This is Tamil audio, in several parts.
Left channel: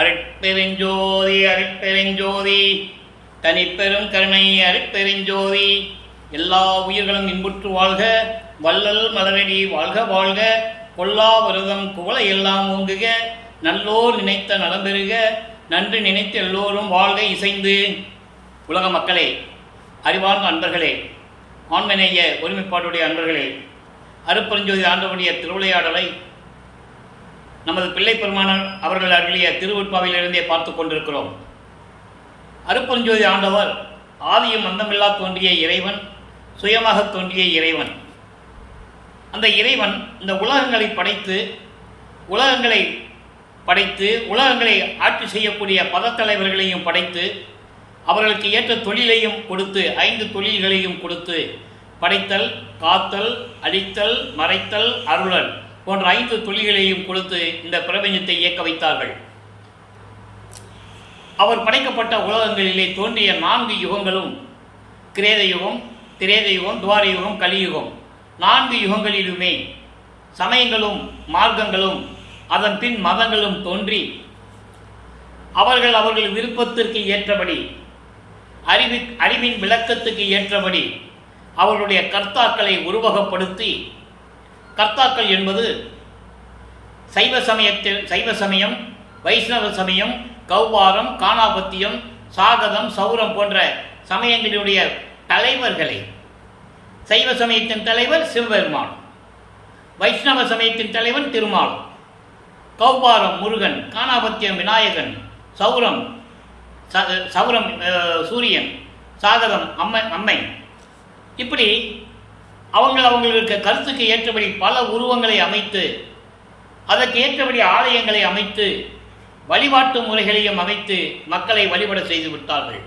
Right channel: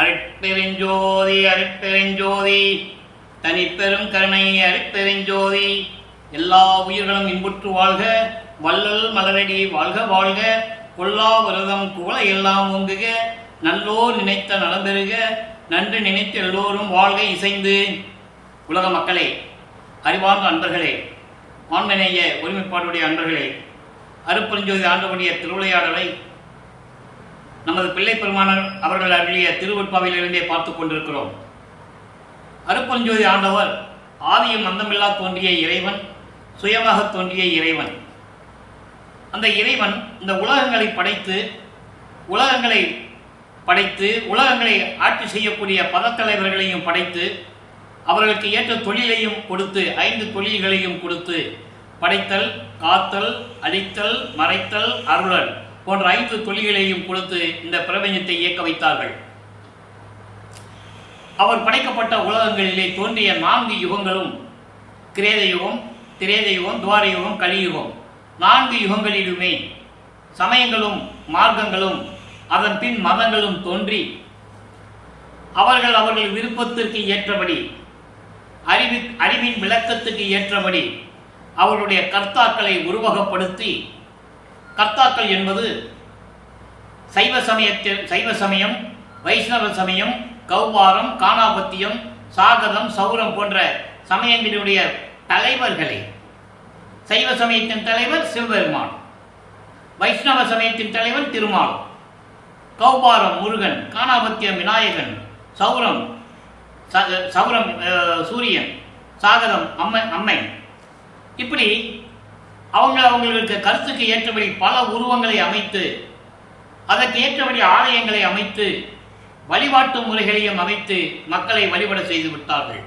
அருட்பெருஞ்சோதி அருட்பெருஞ்சோதி தனிப்பெரும் கருணை அருட்பெருஞ்சோதி. எல்லா உயிர்களும் இன்புற்று வாழ்க, வள்ளல் மலரடி வாழ்க வாழ்க, கொல்லா வருதம் குவளை எல்லாம் ஓங்குக, நல்லோர் நினைத்த நலம் பெறுக, நன்று நினைத்து எல்லோரும் வாழ்க இசைந்து. உலக மக்களே, அறிவார்ந்த அன்பர்களே, ஆண்மநேய ஒருமைப்பாடுடைய அன்பர்களே, அருட்பெருஞ்சோதி ஆண்டவருடைய திருவிளையாடலை நமது பிள்ளை பெருமானார் அவர்கள் அருளிய திருவுட்பாவிலிருந்தே பார்த்து கொண்டிருக்கிறோம். அருட்பெருஞ்சோதி ஆண்டவர் ஆதியும் அந்தமில்லா தோன்றிய இறைவன், சுயமாக தோன்றிய இறைவன். அந்த இறைவன் இந்த உலகங்களை படைத்து உலகங்களை ஆட்சி செய்யக்கூடிய பதத்தலைவர்களையும் படைத்து அவர்களுக்கு ஏற்ற தொழிலையும் கொடுத்து 5 தொழில்களையும் கொடுத்து படைத்தல், காத்தல், அழித்தல், மறைத்தல், அருளல் போன்ற 5 தொழில்களையும் கொடுத்து இந்த பிரபஞ்சத்தை இயக்க வைத்தார்கள். அவர் படைக்கப்பட்ட உலகங்களிலே தோன்றிய 4 யுகங்களும் கிரேத யுகம், திரேத யுகம், துவார யுகம், கலியுகம், 4 யுகங்களிலுமே சமயங்களும் மார்க்கங்களும் அதன் பின் மதங்களும் தோன்றி அவர்கள் விருப்பத்திற்கு ஏற்றபடி, அறிவின் விளக்கத்துக்கு ஏற்றபடி அவர்களுடைய கர்த்தாக்களை உருவகப்படுத்தி, கர்த்தாக்கள் என்பது சைவ சமயம், வைஷ்ணவ சமயம், கௌபாரம், காணாபத்தியம், சாகதம், சௌரம் போன்ற சமயங்களுடைய தலைவர்களை, சைவ சமயத்தின் தலைவர் சிவபெருமான், வைஷ்ணவ சமயத்தின் தலைவன் திருமால், கௌபாரம் முருகன், காணாபத்தியம் விநாயகன், சௌரம் சூரியன், சாகதம் அம்மை. இப்படி அவங்களுக்கு கருத்துக்கு ஏற்றபடி பல உருவங்களை அமைத்து, அதற்கு ஏற்றபடி ஆலயங்களை அமைத்து, வழிபாட்டு முறைகளையும் அமைத்து மக்களை வழிபட செய்து விட்டார்கள்.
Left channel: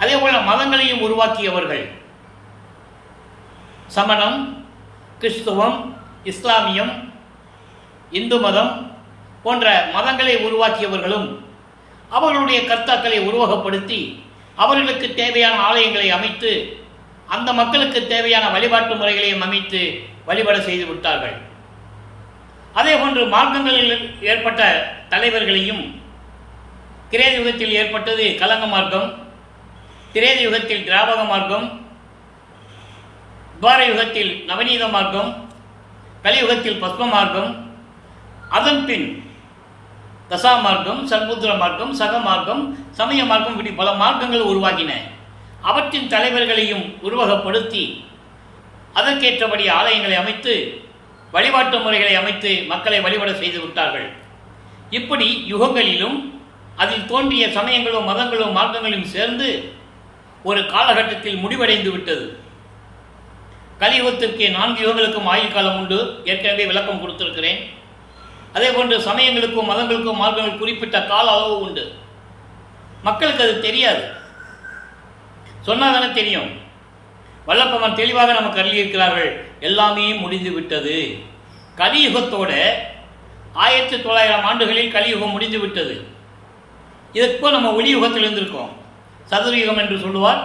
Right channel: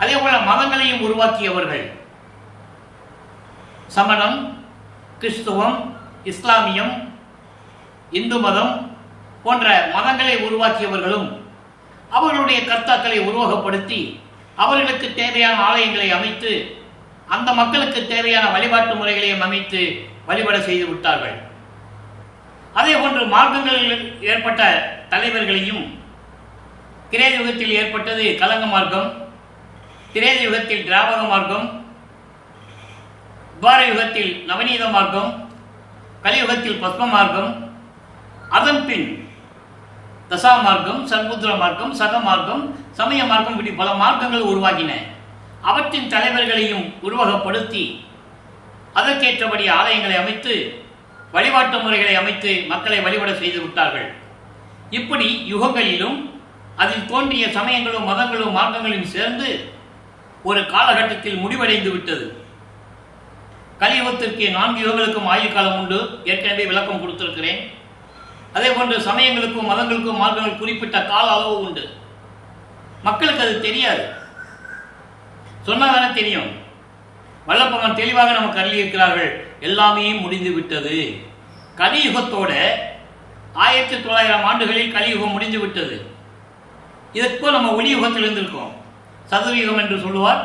அதே போல மதங்களையும் உருவாக்கியவர்கள். சமணம், கிறிஸ்துவம், இஸ்லாமியம், இந்து மதம் போன்ற மதங்களை உருவாக்கியவர்களும் அவர்களுடைய கர்த்தாக்களை உருவகப்படுத்தி அவர்களுக்கு தேவையான ஆலயங்களை அமைத்து அந்த மக்களுக்கு தேவையான வழிபாட்டு முறைகளையும் அமைத்து வழிபட செய்து விட்டார்கள். அதே போன்று மார்க்கங்களில் ஏற்பட்ட தலைவர்களையும், கிரேத யுகத்தில் ஏற்பட்டது கலங்க மார்க்கம், திரேத யுகத்தில் திராவக மார்க்கம், துவார யுகத்தில் நவநீத மார்க்கம், கலியுகத்தில் பத்ம மார்க்கம், அதன் பின் தசா மார்க்கம், சர்புத்திர மார்க்கம், சக மார்க்கம், சமய மார்க்கம், இப்படி பல மார்க்கங்கள் உருவாகின. அவற்றின் தலைவர்களையும் உருவகப்படுத்தி அதற்கேற்றபடி ஆலயங்களை அமைத்து வழிபாட்டு முறைகளை அமைத்து மக்களை வழிபட செய்து விட்டார்கள். இப்படி யுகங்களிலும் அதில் தோன்றிய சமயங்களும் மதங்களும் மார்க்கங்களும் சேர்ந்து ஒரு காலகட்டத்தில் முடிவடைந்து விட்டது. கலியுகத்திற்கு 4 யுகங்களுக்கும் ஆயுள் காலம் உண்டு. ஏற்கனவே விளக்கம் கொடுத்திருக்கிறேன். அதே போன்று சமயங்களுக்கும் மதங்களுக்கும் மார்க்கங்கள் குறிப்பிட்ட கால அளவு உண்டு. மக்களுக்கு அது தெரியாது, சொன்னாதானே தெரியும். வல்லப்பவன் தெளிவாக நமக்கு அருளியிருக்கிறார்கள், எல்லாமே முடிந்து விட்டது. கலியுகத்தோட 1900 ஆண்டுகளில் கலியுகம் முடிந்து விட்டது. இதற்கோ நம்ம ஒளியுகத்தில் இருந்திருக்கோம். சதுர்யுகம் என்று சொல்லுவார்,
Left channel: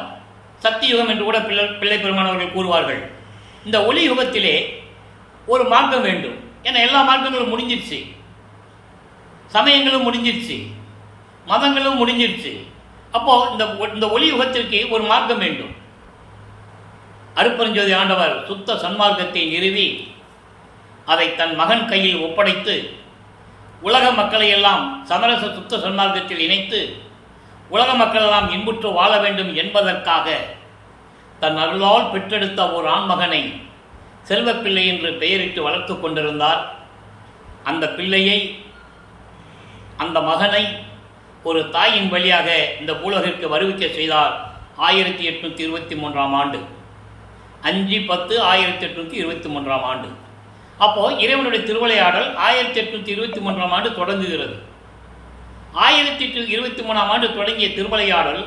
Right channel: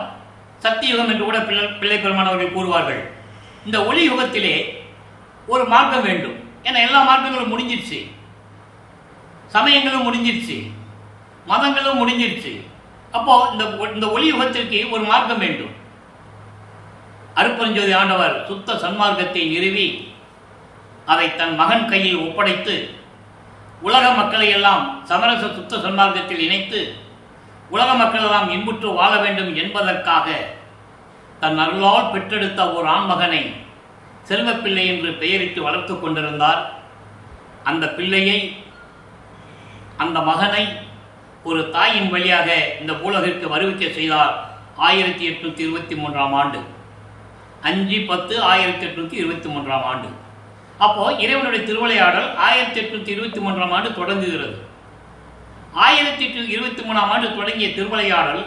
சக்தியுகம் என்று கூட பிள்ளை பெருமானவர்கள் கூறுவார்கள். இந்த ஒளி யுகத்திலே ஒரு மார்க்கம் வேண்டும். ஏன்னா எல்லா மார்க்கங்களும் முடிஞ்சிருச்சு, சமயங்களும் முடிஞ்சிருச்சு, மதங்களும் முடிஞ்சிருச்சு. அப்போ இந்த ஒளி யுகத்திற்கு ஒரு மார்க்கம் வேண்டும். அருட்பெருஞ்சோதி ஆண்டவர் சுத்த சன்மார்க்கத்தை நிறுவி அதை தன் மகன் கையில் ஒப்படைத்து உலக மக்களை எல்லாம் சமரச சுத்த சன்மார்க்கத்தில் இணைத்து உலக மக்கள் எல்லாம் இன்புற்று வாழ வேண்டும் என்பதற்காக தன் அருளால் பெற்றெடுத்த ஒரு ஆண்மகனை செல்வப்பிள்ளை என்று பெயரிட்டு வளர்த்து கொண்டிருந்தார். அந்த பிள்ளையை, அந்த மகனை ஒரு தாயின் வழியாக இந்த பூலகிற்கு வருவிக்க செய்தார் 1823 ஆண்டு, 5/10/1823 ஆண்டு. அப்போது இறைவனுடைய திருவிளையாடல் 1823 ஆண்டு தொடங்குகிறது. 1823 ஆண்டு தொடங்கிய திருவிளையாடல்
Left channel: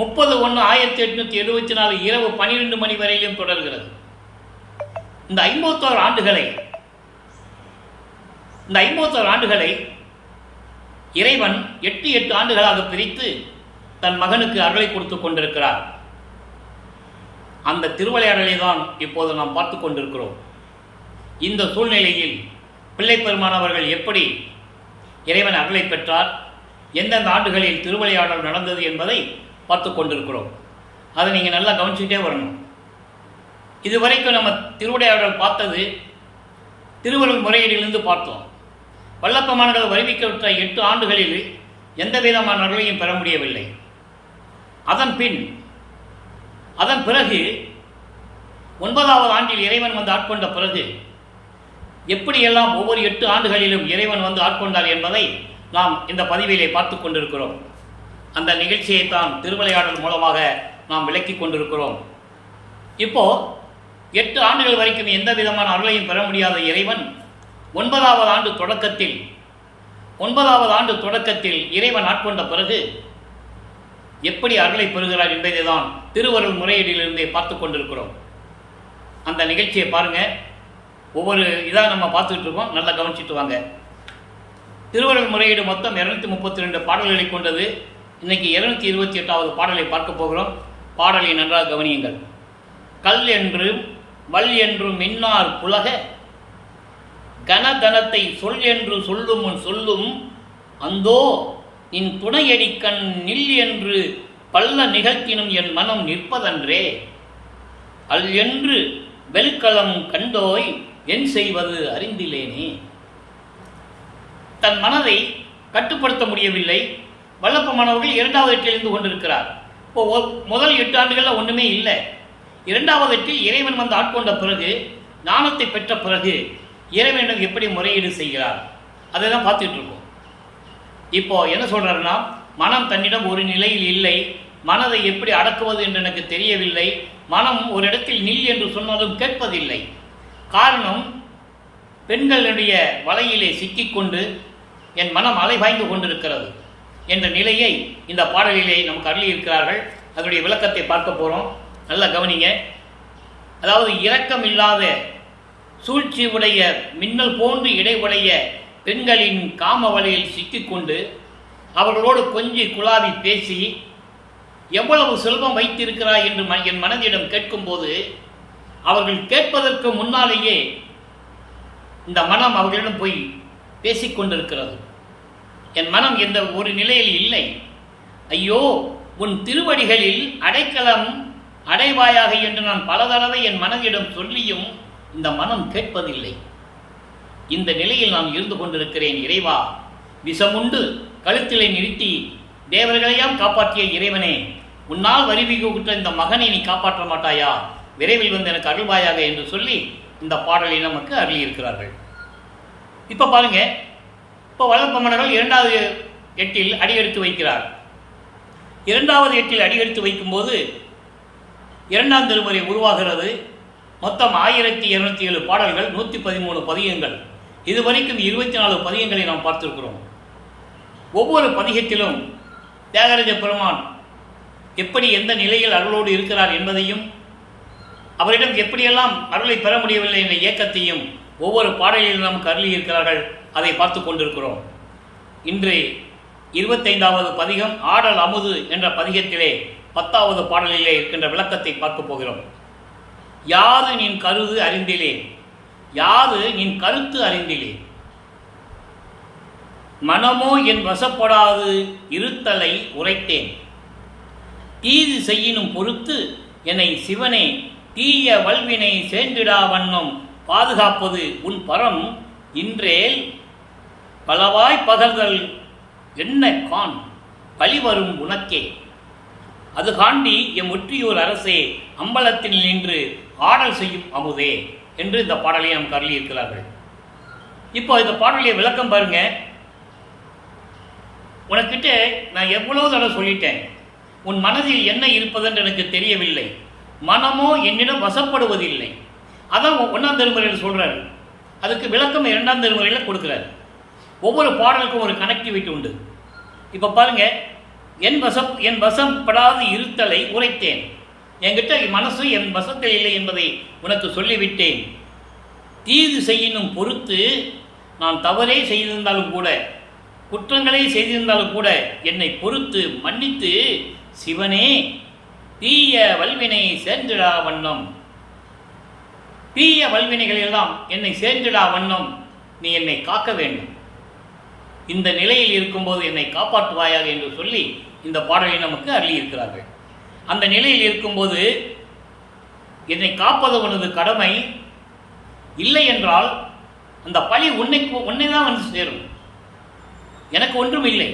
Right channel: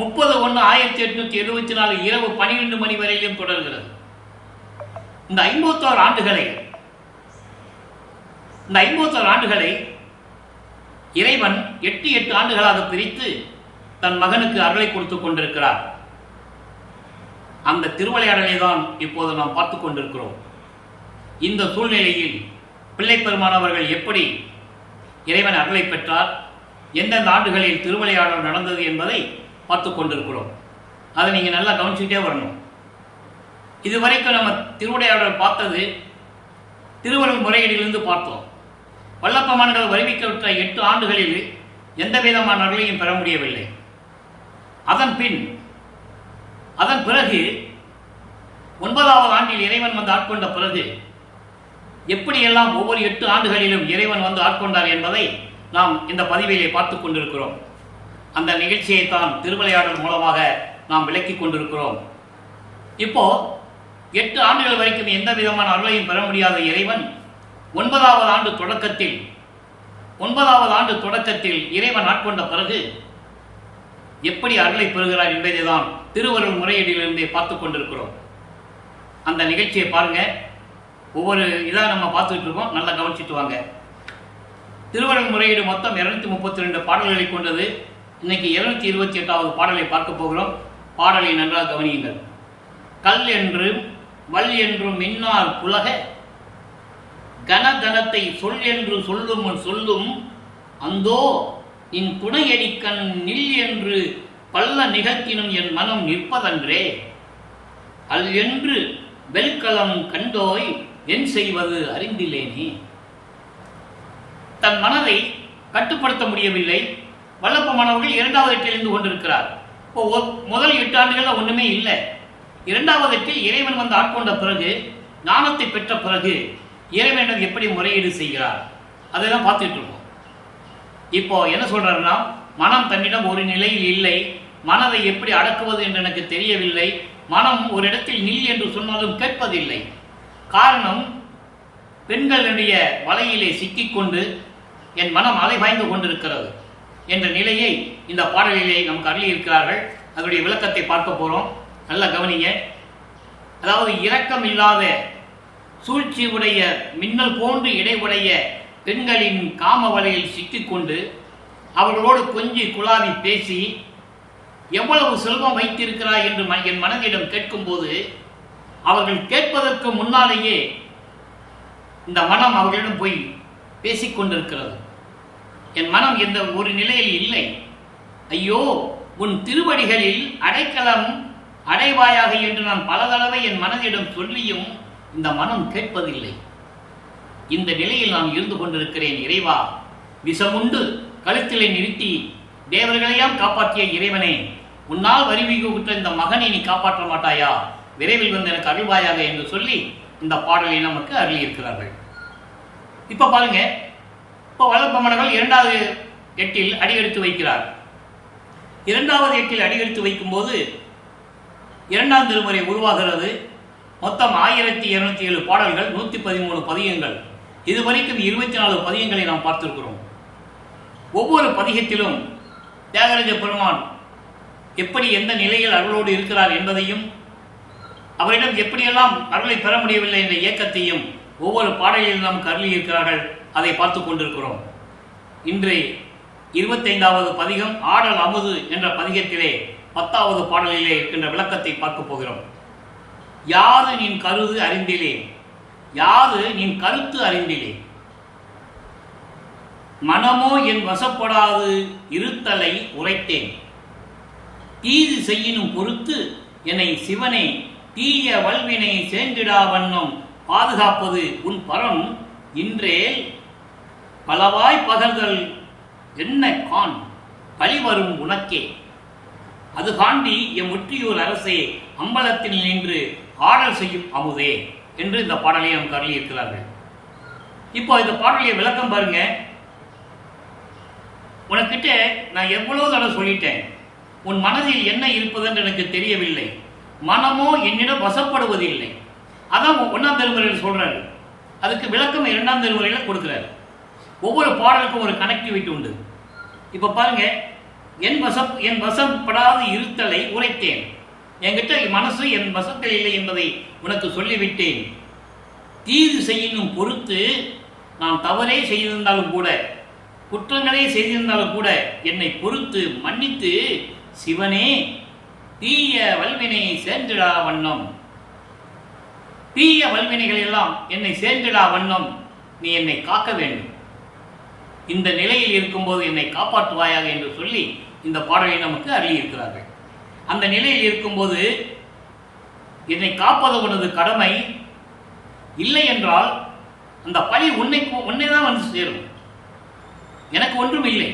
30/1/1874 இரவு 12 மணி வரையிலும் தொடர்கிறது. இந்த 51 ஆண்டுகளை இறைவன் 8 ஆண்டுகளாக பிரித்து தன் மகனுக்கு அருளை கொடுத்து கொண்டிருக்கிறார். அந்த திருவிளையாடலை தான் இப்போது நாம் பார்த்து கொண்டிருக்கிறோம். இந்த சூழ்நிலையில் பிள்ளை பெருமானவர்கள் எப்படி இறைவன் அருளை பெற்றார், எந்தெந்த ஆண்டுகளில் திருவிளையாடல் நடந்தது என்பதை பார்த்து கொண்டிருக்கிறோம். அதை நீங்கள் நல்லா கவனிச்சுக்கிட்டே வரணும். இதுவரைக்கும் நம்ம திருவிளையாடல் பார்த்தது திருவருள் முறையீடிலிருந்து பார்த்தோம். வல்லப்பமான்கள் வருவிக்கப்பட்ட 8 ஆண்டுகளில் எந்த விதமான அருளையும் பெற முடியவில்லை. அதன் பிறகு 9வது ஆண்டில் இறைவன் வந்து ஆட்கொண்ட பிறகு எப்படியெல்லாம் ஒவ்வொரு 8 ஆண்டுகளிலும் இறைவன் வந்து ஆட்கொண்டார் என்பதை நாம் இந்த பதிவிலே பார்த்து கொண்டிருக்கிறோம். அந்த நிகழ்ச்சியைத்தான் திருவிளையாடல் மூலமாக நாம் விளக்கிக் கொண்டிருக்கிறோம். இப்போ 8 ஆண்டுகள் வரைக்கும் எந்த விதமான அருளையும் பெற முடியாத இறைவன் 9வது ஆண்டு தொடக்கத்தில் இறைவன் ஆட்கொண்ட பிறகு எப்படி அருளை பெறுகிறார் என்பதை தான் திருவருள் முறையீடிலிருந்தே பார்த்து கொண்டிருக்கிறோம். அந்த நிகழ்ச்சியை பாருங்க. ஒவ்வொரு இதாக நம்ம பார்த்துட்டு இருக்கோம், நல்லா கவனிச்சுட்டு வாங்க. திருவருள் முறையீடு மொத்தம் 232 பாடல்களை கொண்டது. இன்னைக்கு 228வது பாடலை பார்க்க போகிறோம். பாடலை நன்றாக கவனியுங்கள். கல் என்று வல் என்று மின்னார் புலக கனதனத்தை சொல் என்று சொல்லும் அந்தோ நின் துணையடிக்கண் நில் என்று பல்ல நிகழ்த்தினும் என் மனம் நிற்பதன்றே. அல் என்று வெல்களம் கண்டோய் என் செய்வது அறிந்திலேனே. தன் மனதை கட்டுப்படுத்த முடியவில்லை வல்லப்பமானவர்கள் 2வது எட்டில் இருந்து கொண்டிருக்கிறார். இப்போ முதல் 8 ஆண்டுகளில் ஒன்றுமே இல்லை. 2வது எட்டில் இறைவன் வந்து ஆட்கொண்ட பிறகு, ஞானத்தை பெற்ற பிறகு இறைவனிடம் எப்படி முறையீடு செய்கிறார் அதை தான் பார்த்துட்டு இருக்கோம். இப்போ என்ன சொல்றாருன்னா, மனம் தன்னிடம் ஒரு நிலையில் இல்லை, மனதை எப்படி அடக்குவது என்று எனக்கு தெரியவில்லை, மனம் ஒரு இடத்தில் நில் என்று சொன்னாலும் கேட்பதில்லை. காரணம், பெண்களுடைய வலையிலே சிக்கிக்கொண்டு என் மனம் அலைபாய்ந்து கொண்டிருக்கிறது என்ற நிலையை இந்த பாடலிலே நமக்கு அருளியிருக்கிறார்கள். அதனுடைய விளக்கத்தை பார்க்க போகிறோம். நல்லா கவனிங்க. அதாவது இரக்கம் இல்லாத சூழ்ச்சி உடைய மின்னல் போன்று இடைவுடைய பெண்களின் காம வலையில் சிக்கிக்கொண்டு அவர்களோடு கொஞ்சி குழாவி பேசி எவ்வளவு செல்வம் வைத்திருக்கிறாய் என்று என் மனதிடம் கேட்கும்போது அவர்கள் கேட்பதற்கு முன்னாலேயே இந்த மனம் அவர்களிடம் போய் பேசிக்கொண்டிருக்கிறது. என் மனம் எந்த ஒரு நிலையில் இல்லை. ஐயோ, உன் திருவடிகளில் அடைக்கலம் அடைவாயாக என்று நான் பல தடவை என் மனதிடம் சொல்லியும் இந்த மனம் கேட்பதில்லை. இந்த நிலையில் நான் இருந்து கொண்டிருக்கிறேன். இறைவா, விஷமுண்டு கழுத்திலே நிறுத்தி தேவர்களையாம் காப்பாற்றிய இறைவனே, உன்னால் வரிவிகுற்ற இந்த மகனை நீ காப்பாற்ற மாட்டாயா? விரைவில் வந்து எனக்கு அருள்வாயாக என்று சொல்லி இந்த பாடலை நமக்கு அருளியிருக்கிறார்கள். இப்போ பாருங்க, இப்போ வல்லப்பமணர்கள் 2வது எட்டில் அடியெடுத்து வைக்கிறார். 2வது எட்டில் அடியெடுத்து வைக்கும்போது 2ஆம் திருமுறை உருவாகிறது. மொத்தம் 1207 பாடல்கள், 113 பதிகங்கள். இதுவரைக்கும் 24 பதிகங்களை நாம் பார்த்திருக்கிறோம். ஒவ்வொரு பதிகத்திலும் தியாகராஜ பெருமான் எப்படி எந்த நிலையில் அருளோடு இருக்கிறார் என்பதையும் அவரிடம் எப்படியெல்லாம் அருளை பெற முடியவில்லை என்ற இயக்கத்தையும் ஒவ்வொரு பாடலிலும் நமக்கு அருளியிருக்கிறார்கள். அதை பார்த்து கொண்டிருக்கிறோம். இன்று 25வது பதிகம் ஆடல் அமுது என்ற பதிகத்திலே 10வது பாடலிலே இருக்கின்ற விளக்கத்தை பார்க்க போகிறோம். யாது நின் கருது அறிந்திலே, யாது நின் கருத்து அறிந்திலே, மனமோ என் வசப்படாது இருத்தலை உரைத்தேன், தீது செய்யினும் பொறுத்து என்னை சிவனை தீய வல்வினை சேர்ந்திடா வண்ணம் பாதுகாப்பது உன் பரம் இன்றேல் பலவாய் பகர்தல் என்ன கான் பழிவரும் உனக்கே, அது காண்டி எம் ஒற்றியூர் அரசே அம்பலத்தில் நின்று ஆடல் செய்யும் அமுதே என்று இந்த பாடலை நமக்கு அருளியிருக்கிறார்கள். இப்போ இந்த பாடலிய விளக்கம் பாருங்க. உனக்கிட்ட நான் எவ்வளவு தடவை சொல்லிட்டேன், உன் மனதில் என்ன இருப்பதென்று எனக்கு தெரியவில்லை, மனமோ என்னிடம் வசப்படுவதில்லை. அதான் 1ஆம் திருமுறையில் சொல்றாரு. அதுக்கு விளக்கம் 2ஆம் திருமுறையில் கொடுக்கிறாரு. ஒவ்வொரு பாடலுக்கும் ஒரு கனெக்டிவிட்டி உண்டு. இப்போ பாருங்க, என் வசப்படாது இருத்தலை உரைத்தேன். என்கிட்ட மனசு என் வசத்தில் இல்லை என்பதை உனக்கு சொல்லிவிட்டேன். தீது செய்யினும் பொறுத்து, நான் தவறே செய்திருந்தாலும் கூட, குற்றங்களே செய்திருந்தாலும் கூட என்னை பொறுத்து மன்னித்து சிவனே தீய வல்வினை சேர்ந்திடா வண்ணம், தீய வல்வினைகள் எல்லாம் என்னை சேர்ந்திடா வண்ணம் நீ என்னை காக்க வேண்டும். இந்த நிலையில் இருக்கும்போது என்னை காப்பாற்றுவாயாக என்று சொல்லி இந்த பாடலை நமக்கு அருளியிருக்கிறார்கள். அந்த நிலையில் இருக்கும்போது என்னை காப்பது உனது கடமை, இல்லை என்றால் அந்த பழி உன்னை தான் வந்து சேரும். எனக்கு ஒன்றும் இல்லை.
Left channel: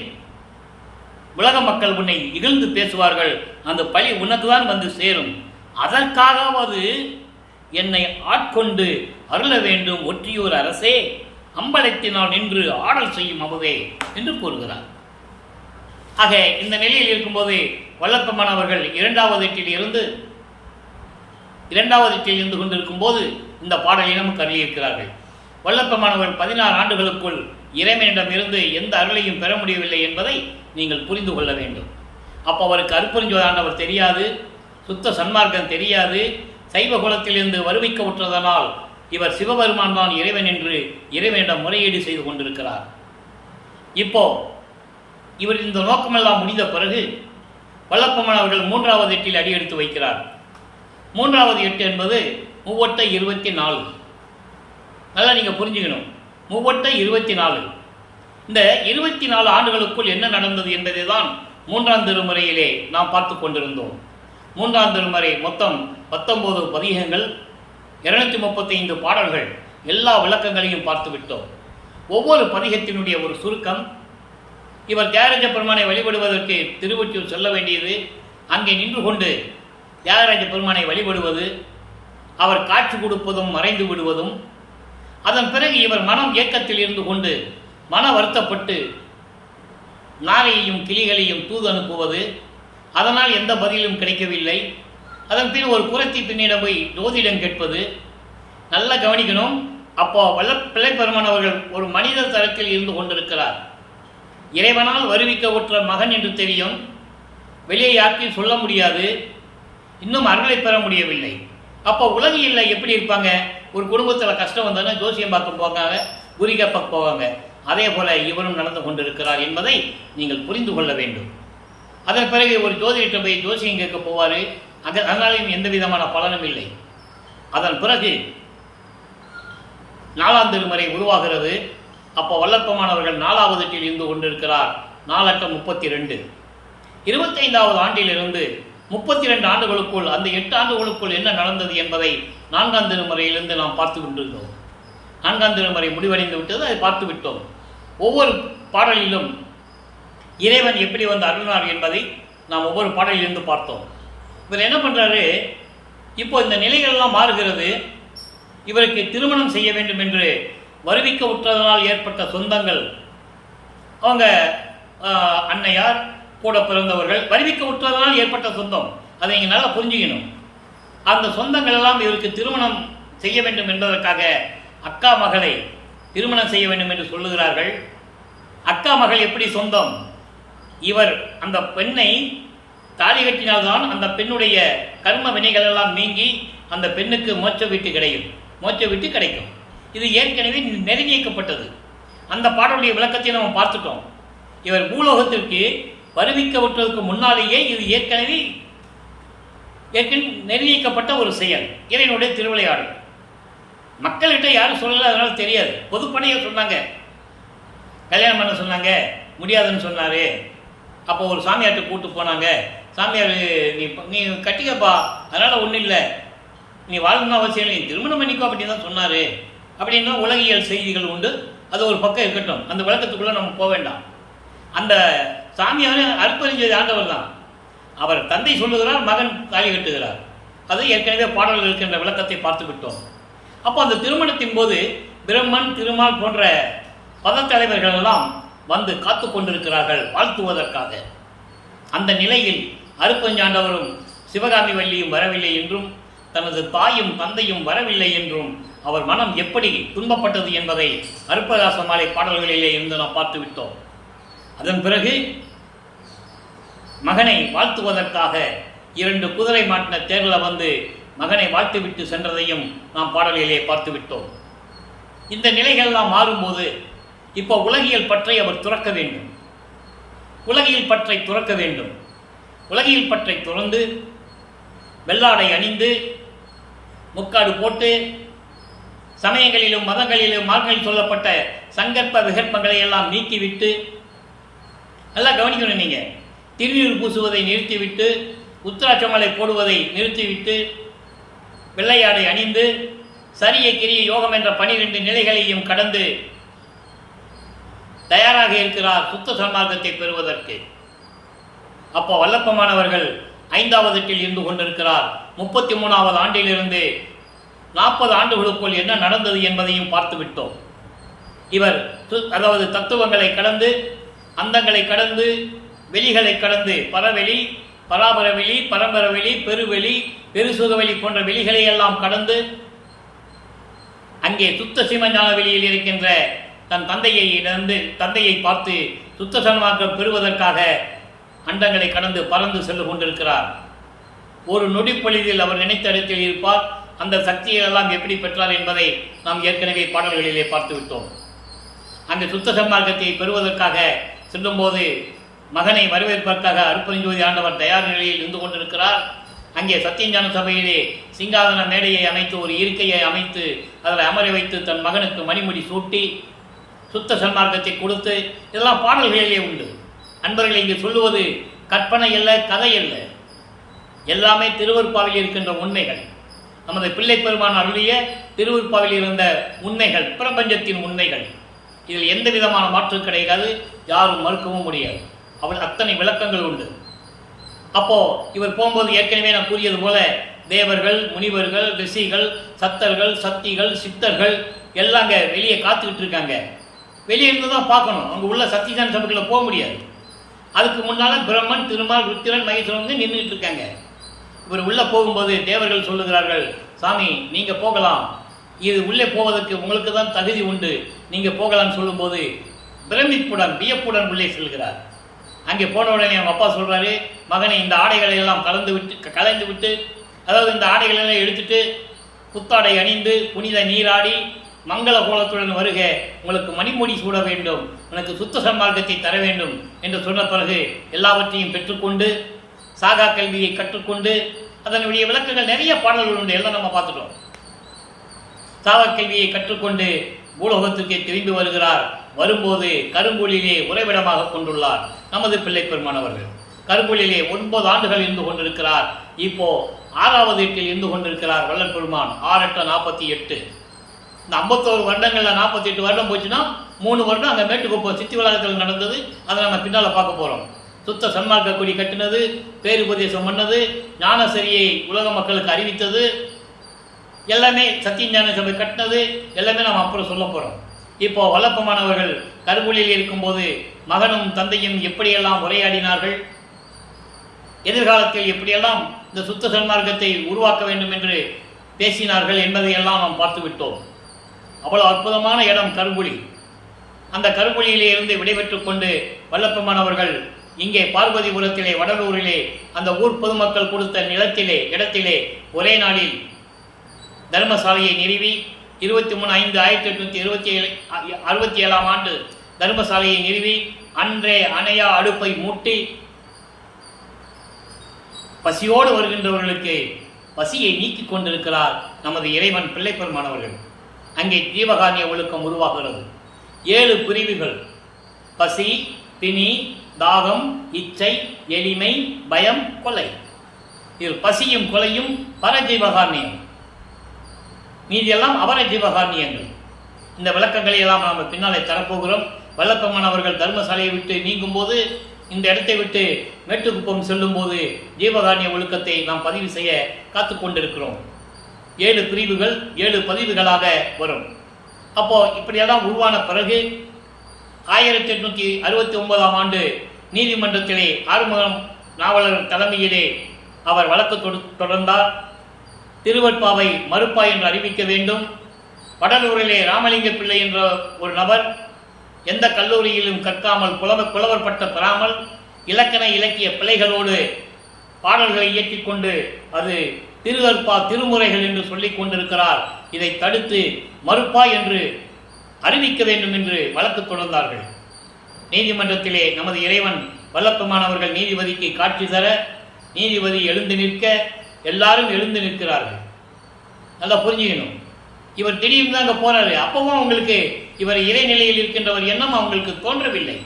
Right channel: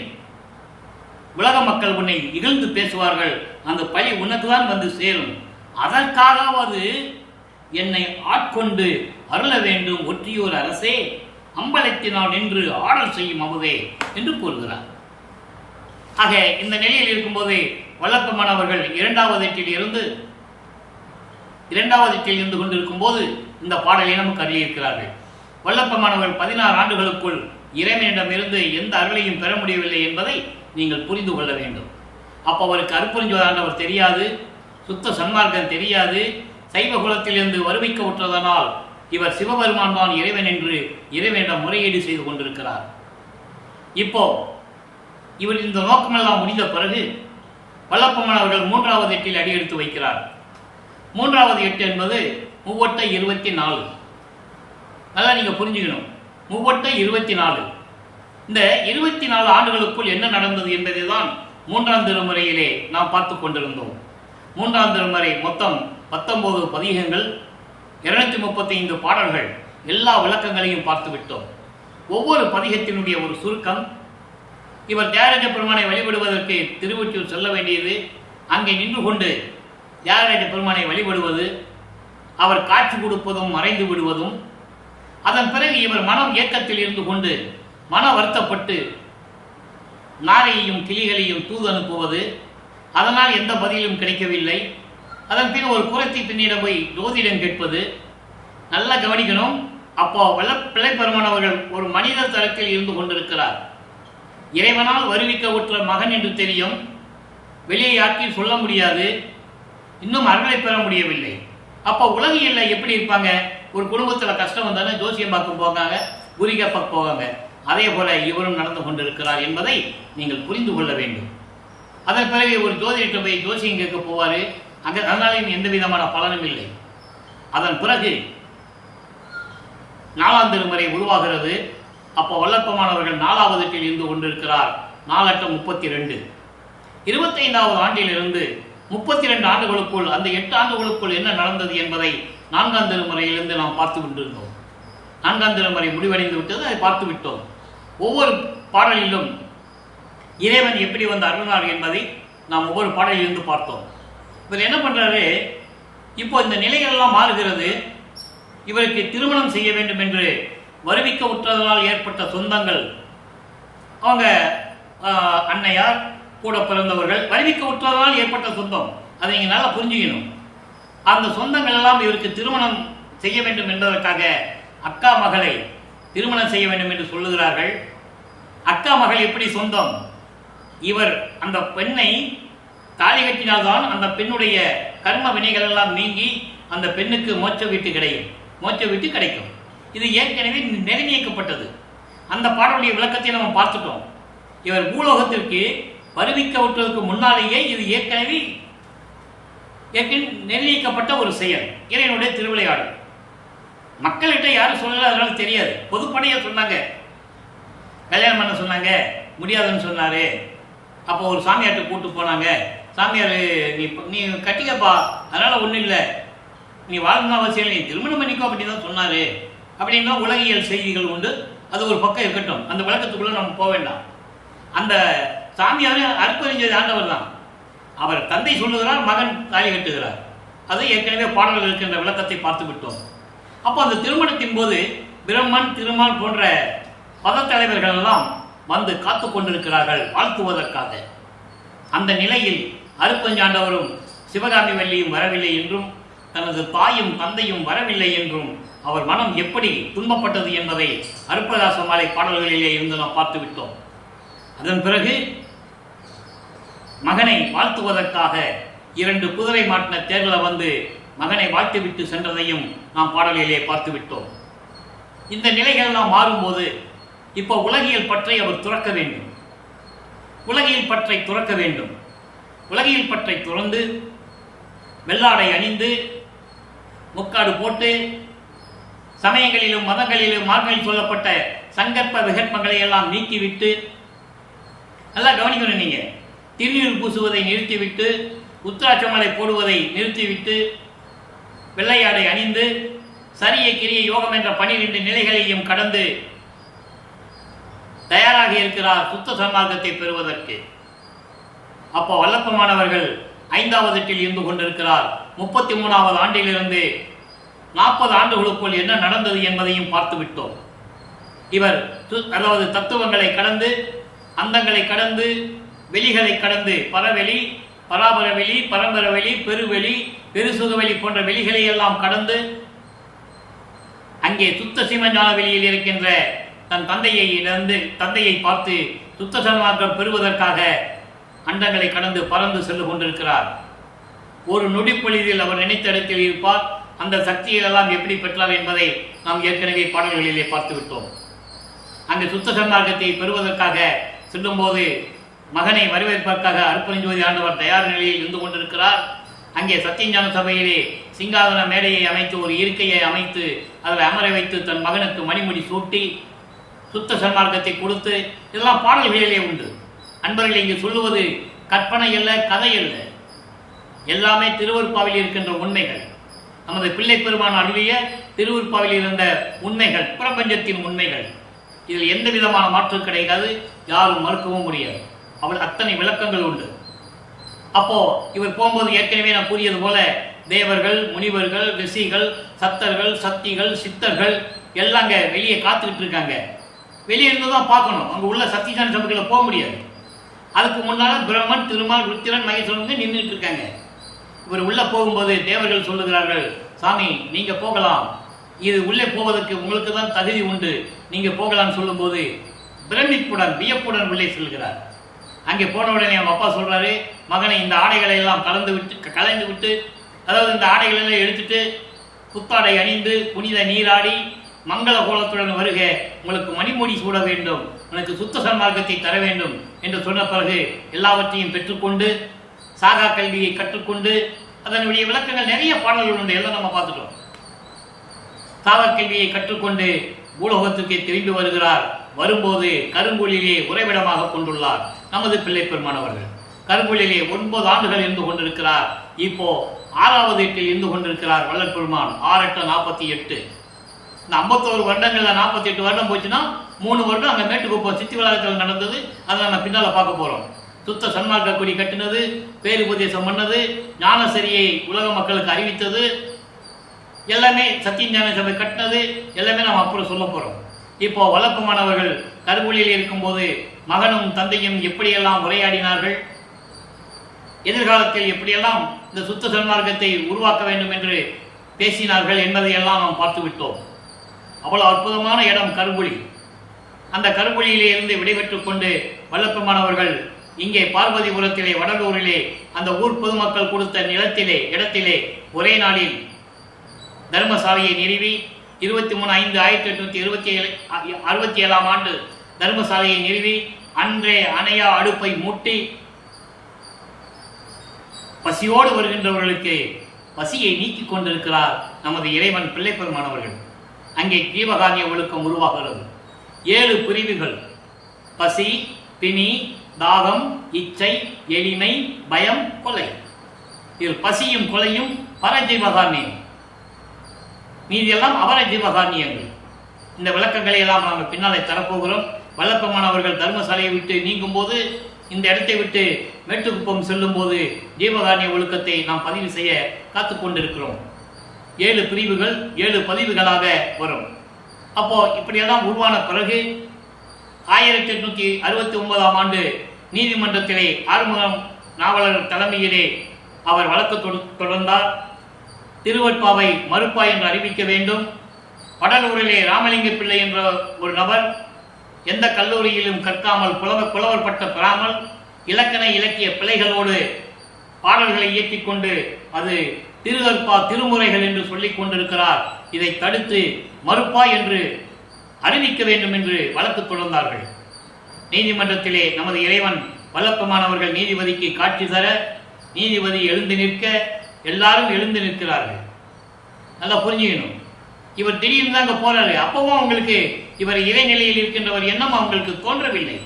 உலக மக்கள் உன்னை இகழ்ந்து பேசுவார்கள், அந்த பழி உனக்கு தான் வந்து சேரும். அதற்காகவது என்னை ஆட்கொண்டு அருள வேண்டும் ஒற்றியூர் அரசே, அம்பலத்தினால் நின்று ஆடல் செய்யும் அமுதே என்று கூறுகிறார். ஆக இந்த நிலையில் இருக்கும்போது வல்லப்பெருமான் அவர்கள் இரண்டாவது எட்டில் இருந்து கொண்டிருக்கும் போது இந்த பாடலை நமக்கு அருளியிருக்கிறார்கள். வல்லப்பெருமான் அவர்கள் 16 ஆண்டுகளுக்குள் இறைவனிடமிருந்து எந்த அருளையும் பெற முடியவில்லை என்பதை நீங்கள் புரிந்து கொள்ள வேண்டும். அப்போ அவருக்கு அருட்பெருஞ்சோதி தெரியாது, சுத்த சன்மார்க்கம் தெரியாது, சைவ குலத்திலிருந்து வருவிக்க உற்றதனால் இவர் சிவபெருமான் தான் இறைவன் என்று இறைவனிடம் முறையீடு செய்து கொண்டிருக்கிறார். இப்போ இவர் இந்த நோக்கமெல்லாம் முடிந்த பிறகு வல்லப்பெருமான் அவர்கள் 3வது எட்டில் அடியெடுத்து வைக்கிறார். 3வது எட்டு என்பது 3/24. நல்லா நீங்கள் புரிஞ்சுக்கணும். 3/24. இந்த 24 ஆண்டுகளுக்குள் என்ன நடந்தது என்பதை தான் 3ஆம் திருமுறையிலே நாம் பார்த்து கொண்டிருந்தோம். 3ஆம் திருமுறை மொத்தம் 19 பதிகங்கள், 235 பாடல்கள், எல்லா விளக்கங்களையும் பார்த்து விட்டோம். ஒவ்வொரு பதிகத்தினுடைய ஒரு சுருக்கம். இவர் தியாகராஜ பெருமானை வழிபடுவதற்கு திருவொற்றியூர் செல்ல வேண்டியது, அங்கே நின்று கொண்டு தியாகராஜ பெருமானை வழிபடுவது, அவர் காட்சி கொடுப்பதும் மறைந்து விடுவதும், அதன் பிறகு இவர் மனம் ஏக்கத்தில் இருந்து கொண்டு மன வருத்தப்பட்டு நாரையையும் கிளிகளையும் தூது அனுப்புவது, அதனால் எந்த பதிலும் கிடைக்கவில்லை. அதன் பின் ஒரு குரத்தி பின்னிடம் போய் ஜோதிடம் கேட்பது. நல்லா கவனிக்கணும். அப்போ பிள்ளை பெருமான் அவர்கள் ஒரு மனித தரத்தில் இருந்து கொண்டிருக்கிறார். இறைவனால் வருவிக்க உற்ற மகன் என்று தெரியும், வெளியே யாருக்கும் சொல்ல முடியாது, இன்னும் அருளை பெற முடியவில்லை. அப்போ உலகில் எப்படி இருப்பாங்க? ஒரு குடும்பத்தில் கஷ்டம் வந்தானே ஜோசியம் பார்க்க போகாங்க, குறிகப்ப போவாங்க. அதே போல இவரும் நடந்து கொண்டிருக்கிறார் என்பதை நீங்கள் புரிந்து கொள்ள வேண்டும். அதன் பிறகு ஒரு ஜோதிடத்தை போய் ஜோசியம் கேட்க போவார், அதனாலையும் எந்த விதமான பலனும் இல்லை. அதன் பிறகு 4ஆம் திருமுறை உருவாகிறது. அப்போ வல்லப்பெருமான் அவர்கள் 4வது எட்டில் இருந்து கொண்டிருக்கிறார். 4×8 = 32. 25வது ஆண்டிலிருந்து 32 ஆண்டுகளுக்குள், அந்த 8 ஆண்டுகளுக்குள் என்ன நடந்தது என்பதை 4ஆம் திருமுறையிலிருந்து நாம் பார்த்து கொண்டிருந்தோம். 4ஆம் திருமுறை முடிவடைந்து விட்டது, அதை பார்த்து விட்டோம். ஒவ்வொரு பாடலிலும் இறைவன் எப்படி வந்து அருளினார் என்பதை நாம் ஒவ்வொரு பாடலிலிருந்து பார்த்தோம். இவர் என்ன பண்ணுறாரு? இப்போ இந்த நிலைகளெல்லாம் மாறுகிறது. இவருக்கு திருமணம் செய்ய வேண்டும் என்று வருவிக்க உற்றதனால் ஏற்பட்ட சொந்தங்கள், அவங்க அன்னையார் கூட பிறந்தவர்கள், வருவிக்க உற்றதனால் ஏற்பட்ட சொந்தம், அதை நீங்கள் நல்லா புரிஞ்சுக்கணும். அந்த சொந்தங்கள் எல்லாம் இவருக்கு திருமணம் செய்ய வேண்டும் என்பதற்காக அக்கா மகளை திருமணம் செய்ய வேண்டும் என்று சொல்லுகிறார்கள். அக்கா மகள் எப்படி சொந்தம்? இவர் அந்த பெண்ணை தாலி கட்டினால்தான் அந்த பெண்ணுடைய கர்ம வினைகள் எல்லாம் நீங்கி அந்த பெண்ணுக்கு மோட்ச வீட்டு கிடைக்கும். இது ஏற்கனவே நிர்ணயிக்கப்பட்டது. அந்த பாடலுடைய விளக்கத்தை நம்ம பார்த்துட்டோம். இவர் பூலோகத்திற்கு வருவிக்க விட்டதற்கு முன்னாலேயே இது ஏற்கனவே நிர்ணயிக்கப்பட்ட ஒரு செயல், இறைவனுடைய திருவிளையாடல். மக்கள்கிட்ட யாரும் சொல்லல, அதனால தெரியாது. பொதுப்படையாக சொன்னாங்க, கல்யாணம் பண்ண சொன்னாங்க, முடியாதுன்னு சொன்னார். அப்போ ஒரு சாமியார்கிட்ட கூப்பிட்டு போனாங்க. சாமியார், நீ கட்டிக்கப்பா, அதனால் ஒன்றும் இல்லை, நீ வாழணும்னு அவசியம் இல்லை, நீ திருமணம் பண்ணிக்கோ அப்படின்னு தான் சொன்னார். அப்படின்னா உலகியல் செய்திகள் உண்டு, அது ஒரு பக்கம் இருக்கட்டும். அந்த விளக்கத்துக்குள்ளே நம்ம போக வேண்டாம். அந்த சாமியார் அருட்பெருஞ்சோதி ஆண்டவர் தான். அவர் தந்தை சொல்லுகிறார், மகன் தாலி கட்டுகிறார். அது ஏற்கனவே பாடல்கள் இருக்கின்ற விளக்கத்தை பார்த்து விட்டோம். அப்போ அந்த திருமணத்தின் போது பிரம்மன், திருமால் போன்ற பதத்தலைவர்கள் எல்லாம் வந்து காத்து கொண்டிருக்கிறார்கள் வாழ்த்துவதற்காக. அந்த நிலையில் அருட்பெருஞ்சாண்டவரும் சிவகாமி வள்ளியும் வரவில்லை என்றும், தனது தாயும் தந்தையும் வரவில்லை என்றும் அவர் மனம் எப்படி துன்பப்பட்டது என்பதை அருட்பிரகாச மாலை பாடல்களிலே இருந்து நாம் பார்த்து விட்டோம். அதன் பிறகு மகனை வாழ்த்துவதற்காக 2 குதிரை மாட்டின தேர்வில் வந்து மகனை வாழ்த்துவிட்டு சென்றதையும் நாம் பாடலிலே பார்த்து விட்டோம். இந்த நிலைகள் மாறும்போது இப்போ உலகியல் பற்றை அவர் துறக்க வேண்டும். உலகியல் பற்றை துறக்க வேண்டும். உலகியல் பற்றை துறந்து வெள்ளாடை அணிந்து முக்காடு போட்டு சமயங்களிலும் மதங்களிலும் மார்களில் சொல்லப்பட்ட சங்கற்ப விகற்பங்களை எல்லாம் நீக்கிவிட்டு, நல்லா கவனிக்கணும், நீங்கள் திருநீர் பூசுவதை நிறுத்திவிட்டு, உத்திராட்சமலை போடுவதை நிறுத்திவிட்டு, வெள்ளையாடை அணிந்து சரிய கிரிய யோகம் என்ற 12 நிலைகளையும் கடந்து தயாராக இருக்கிறார் சுத்த சன்மார்க்கத்தை பெறுவதற்கு. அப்போ வல்லப்பமானவர்கள் 5வது எட்டில் இருந்து கொண்டிருக்கிறார். 33வது ஆண்டிலிருந்து 40 ஆண்டுகளுக்குள் என்ன நடந்தது என்பதையும் பார்த்து விட்டோம். இவர் அதாவது தத்துவங்களை கடந்து, அந்தங்களை கடந்து, வெளிகளை கடந்து, பரவெளி, பராபரவெளி, பரம்பரவெளி, பெருவெளி, பெருசுகவெளி போன்ற வெளிகளை எல்லாம் கடந்து அங்கே சுத்த சிவஞான வெளியில் இருக்கின்ற தன் தந்தையை பார்த்து சுத்த சன்மார்க்கம் பெறுவதற்காக அண்டங்களை கடந்து பறந்து சென்று கொண்டிருக்கிறார். ஒரு நொடிப்பொழுதில் அவர் நினைத்த இடத்தில் இருப்பார். அந்த சக்திகளெல்லாம் எப்படி பெற்றார் என்பதை நாம் ஏற்கனவே பாடல்களிலே பார்த்து விட்டோம். அங்கு சுத்த சன்மார்க்கத்தை பெறுவதற்காக செல்லும்போது மகனை வரவேற்பதற்காக அருப்பெருஞ்சோதி ஆண்டவர் தயார் நிலையில் இருந்து கொண்டிருக்கிறார். அங்கே சத்தியஞான சபையிலே சிங்காதன மேடையை அமைத்து, ஒரு இருக்கையை அமைத்து, அதில் அமர வைத்து தன் மகனுக்கு மணிமுடி சூட்டி சுத்த சன்மார்க்கத்தை கொடுத்து, இதெல்லாம் பாடல்களிலே உண்டு. அன்பர்களை இங்கு சொல்லுவது கற்பனை அல்ல, கதை அல்ல, எல்லாமே திருவருட்பாவில் இருக்கின்ற உண்மைகள். நமது பிள்ளை பெருமான் அருளிய திருவருட்பாவில் இருந்த உண்மைகள், பிரபஞ்சத்தின் உண்மைகள். இதில் எந்த விதமான மாற்று கிடையாது, யாரும் மறுக்கவும் முடியாது. அவள் அத்தனை விளக்கங்கள் உண்டு. அப்போ இவர் போகும்போது ஏற்கனவே நான் கூறியது போல தேவர்கள், முனிவர்கள், ரிஷிகள், சத்தர்கள், சக்திகள், சித்தர்கள் எல்லாம் அங்கே வெளியே காத்துக்கிட்டு இருக்காங்க. வெளியே இருந்து தான் பார்க்கணும், அங்கே உள்ள சத்தியஞான சபைக்குள்ள போக முடியாது. அதுக்கு முன்னால் பிரம்மன், திருமால், ருத்திரன், மகேஸ்வரன் வந்து நின்றுட்டு இருக்காங்க. இவர் உள்ளே போகும்போது தேவர்கள் சொல்லுகிறார்கள், சாமி நீங்கள் போகலாம், இது உள்ளே போவதற்கு உங்களுக்கு தான் தகுதி உண்டு, நீங்கள் போகலாம்னு சொல்லும்போது பிரமிப்புடன் வியப்புடன் உள்ளே செல்கிறார். அங்கே போன உடனே அவங்க அப்பா சொல்கிறாரு, மகனை இந்த ஆடைகளை எல்லாம் கலைந்து விட்டு அதாவது இந்த ஆடைகளெல்லாம் எடுத்துட்டு புத்தாடை அணிந்து புனித நீராடி மங்கள கோலத்துடன் வருக, உங்களுக்கு மணிமுடி சூட வேண்டும், உனக்கு சுத்த சன்மார்க்கத்தை தர வேண்டும் என்று சொன்ன பிறகு எல்லாவற்றையும் பெற்றுக்கொண்டு சாகா கல்வியை கற்றுக்கொண்டு, அதனுடைய விளக்கங்கள் நிறைய பாடல்கள் உண்டு, எல்லாம் நம்ம பார்த்துட்டோம். சாகா கல்வியை கற்றுக்கொண்டு பூலோகத்திற்கே திரும்பி வருகிறார். வரும்போது கருங்கோலிலே உறைவிடமாக கொண்டுள்ளார் நமது பிள்ளை பெருமானவர்கள். கருங்கோலிலே 9 ஆண்டுகள் இருந்து கொண்டிருக்கிறார். இப்போ 6வது எட்டில் இருந்து கொண்டிருக்கிறார் வள்ளல் பெருமான். 6 8 48. இந்த 51 வருடங்கள்ல 48 வருடம் போச்சுன்னா 3 வருடம் அங்கே மேட்டுக்குப்பம் சித்தி வளாகத்தில் நடந்தது. அதை நம்ம பின்னால் பார்க்க போகிறோம். சுத்த சன்மார்க்க கொடி கட்டினது, பேருபதேசம் பண்ணது, ஞானசரியை உலக மக்களுக்கு அறிவித்தது, எல்லாமே சத்தியஞான சபை கட்டினது, எல்லாமே நாம் அப்புறம் சொல்ல போகிறோம். இப்போ வல்லப்பமானவர்கள் கருவூலில் இருக்கும்போது மகனும் தந்தையும் எப்படியெல்லாம் உரையாடினார்கள், எதிர்காலத்தில் எப்படியெல்லாம் இந்த சுத்த சன்மார்க்கத்தை உருவாக்க வேண்டும் என்று பேசினார்கள் என்பதையெல்லாம் நாம் பார்த்து விட்டோம். அவ்வளவு அற்புதமான இடம் கருங்குழி. அந்த கருங்குழியிலே இருந்து விடைபெற்று கொண்டு வல்லப்பமானவர்கள் இங்கே பார்வதிபுரத்திலே வடலூரிலே அந்த ஊர் பொதுமக்கள் கொடுத்த இடத்திலே ஒரே நாளில் தர்மசாலையை நிறுவி 23/5/1867 ஆண்டு தர்மசாலையை நிறுவி அன்றே அணையா அடுப்பை மூட்டி பசியோடு வருகின்றவர்களுக்கு பசியை நீக்கிக் கொண்டிருக்கிறார் நமது இறைவன் பிள்ளை பெருமானவர்கள். அங்கே ஜீவகாரிய ஒழுக்கம் உருவாகிறது. 7 பிரிவுகள்: பசி, பிணி, தாகம், இச்சை, எளிமை, பயம், கொலை. இதில் பசியும் கொலையும் பரஜீவகாரணியம், மீதியெல்லாம் அவர ஜீவகாரணியங்கள். இந்த விளக்கங்களை எல்லாம் நாம் பின்னாலே தரப்போகிறோம். வல்லப்பமானவர்கள் தர்மசாலையை விட்டு நீங்கும் போது, இந்த இடத்தை விட்டு மேட்டுக்குப்பம் செல்லும் போது ஜீவகாரணிய ஒழுக்கத்தை நாம் பதிவு செய்ய காத்து கொண்டிருக்கிறோம். 7 பிரிவுகள் 7 பதிவுகளாக வரும். அப்போ இப்படியெல்லாம் உருவான பிறகு 1869 ஆண்டு நீதிமன்றத்திலே ஆறுமுகம் நாவலர் தலைமையிலே அவர் வழக்கு தொடர்ந்தார். திருவற்பாவை மறுப்பா என்று அறிவிக்க வேண்டும். வடலூரிலே ராமலிங்க பிள்ளை என்ற ஒரு நபர் எந்த கல்லூரியிலும் கற்காமல் புலவர் பட்டம் பெறாமல் இலக்கண இலக்கிய பிழைகளோடு பாடல்களை இயற்றிக்கொண்டு அது திருவற்பா திருமுறைகள் என்று சொல்லிக் கொண்டிருக்கிறார். இதை தடுத்து மறுப்பா என்று அறிவிக்க வேண்டும் என்று வழக்கு தொடர்ந்தார்கள். நீதிமன்றத்திலே நமது இறைவன் வல்லப்பமானவர்கள் நீதிபதிக்கு காட்சி தர, நீதிபதி எழுந்து நிற்க, எல்லாரும் எழுந்து நிற்கிறார்கள். நல்லா புரிஞ்சுக்கணும். இவர் திடீர்னு தான் அங்கே போகிறாரு. அப்பவும் அவங்களுக்கு இவர் இறைநிலையில் இருக்கின்றவர் எண்ணம் அவங்களுக்கு தோன்றவில்லை.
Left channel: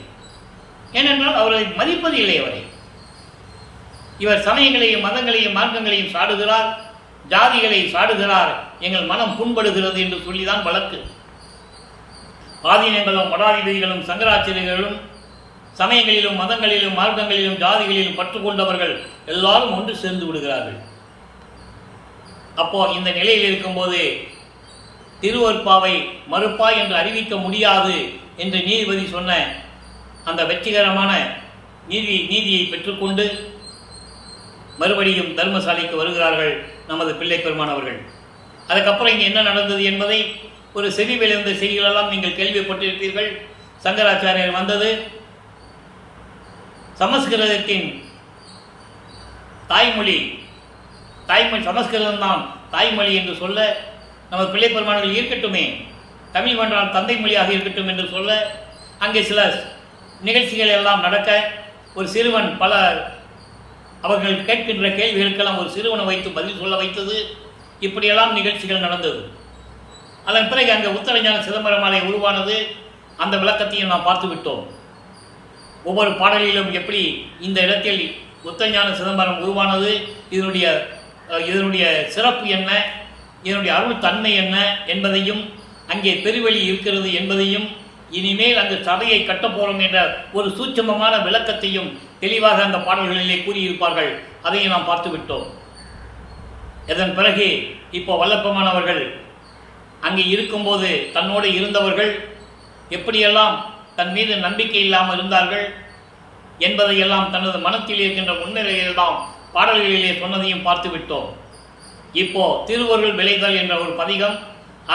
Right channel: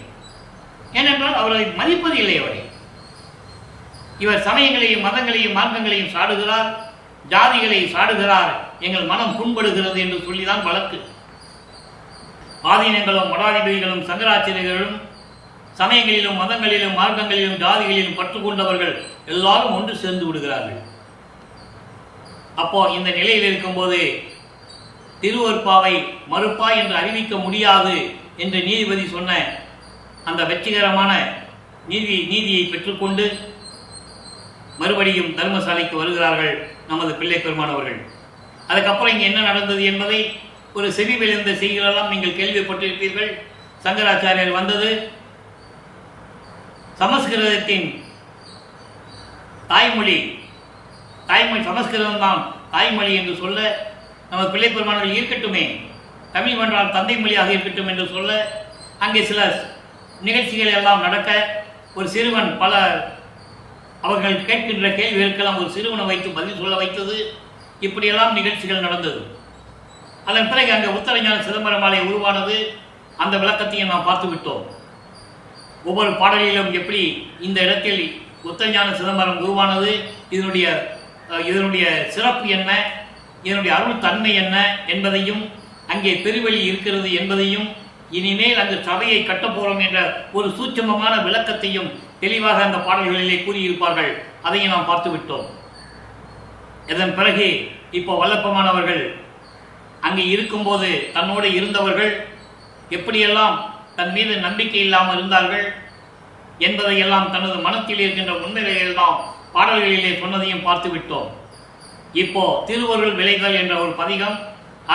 ஏனென்றால் அவரை மதிப்பது இல்லை. அவரை இவர் சமயங்களையும் மதங்களையும் மார்க்கங்களையும் சாடுகிறார், ஜாதிகளை சாடுகிறார், எங்கள் மனம் புண்படுகிறது என்று சொல்லிதான் வழக்கு. ஆதீனங்களும் மடாதிபதிகளும் சங்கராச்சாரியர்களும் சமயங்களிலும் மதங்களிலும் மார்க்கங்களிலும் ஜாதிகளிலும் பற்று கொண்டவர்கள் எல்லாரும் ஒன்று சேர்ந்து விடுகிறார்கள். அப்போ இந்த நிலையில் இருக்கும்போது திருவருட்பாவை மறுப்பா என்று அறிவிக்க முடியாது என்று நீதிபதி சொன்ன அந்த வெற்றிகரமான நீதியை பெற்றுக்கொண்டு மறுபடியும் தர்மசாலைக்கு வருகிறார்கள் நமது பிள்ளை பெருமான் அவர்கள். அதுக்கப்புறம் இங்கே என்ன நடந்தது என்பதை ஒரு செவி விளைந்த செய்திகளெல்லாம் நீங்கள் கேள்விப்பட்டிருப்பீர்கள். சங்கராச்சாரியர் வந்தது சமஸ்கிருதத்தின் தாய்மொழி சமஸ்கிருதம் தான் தாய்மொழி என்று சொல்ல, நம்ம பிள்ளை பெருமானர்கள் இருக்கட்டுமே, தமிழ் வென்றால் தந்தை மொழியாக இருக்கட்டும் என்று சொல்ல, அங்கே சில நிகழ்ச்சிகள் எல்லாம் நடக்க, ஒரு சிறுவன் பல அவர்கள் கேட்கின்ற கேள்விகளுக்கெல்லாம் ஒரு சிறுவனை வைத்து பதில் சொல்ல வைத்தது. இப்படியெல்லாம் நிகழ்ச்சிகள் நடந்தது. அதன் பிறகு அங்கே உத்தரஞான சிதம்பரம் மாலை உருவானது. அந்த விளக்கத்தையும் நாம் பார்த்து விட்டோம். ஒவ்வொரு பாடலிலும் எப்படி இந்த இடத்தில் உத்தரஞான சிதம்பரம் உருவானது, இதனுடைய சிறப்பு என்ன, இதனுடைய அருள் தன்மை என்ன என்பதையும், அங்கே பெருவெளி இருக்கிறது என்பதையும், இனிமேல் அந்த சபையை கட்டப்போகிறோம் என்ற ஒரு சூட்சமமான விளக்கத்தையும் தெளிவாக அந்த பாடல்களிலே கூறியிருப்பார்கள். அதையும் நாம் பார்த்து விட்டோம். இதன் பிறகு இப்போ வல்லப்பமானவர்கள் அங்கே இருக்கும்போது தன்னோடு இருந்தவர்கள் எப்படியெல்லாம் தன் மீது நம்பிக்கை இல்லாமல் இருந்தார்கள் என்பதையெல்லாம் தனது மனத்தில் இருக்கின்ற உண்மைகளையெல்லாம் பாடல்களிலே சொன்னதையும் பார்த்து விட்டோம். இப்போ திருவருள் விளைதல் என்ற ஒரு பதிகம்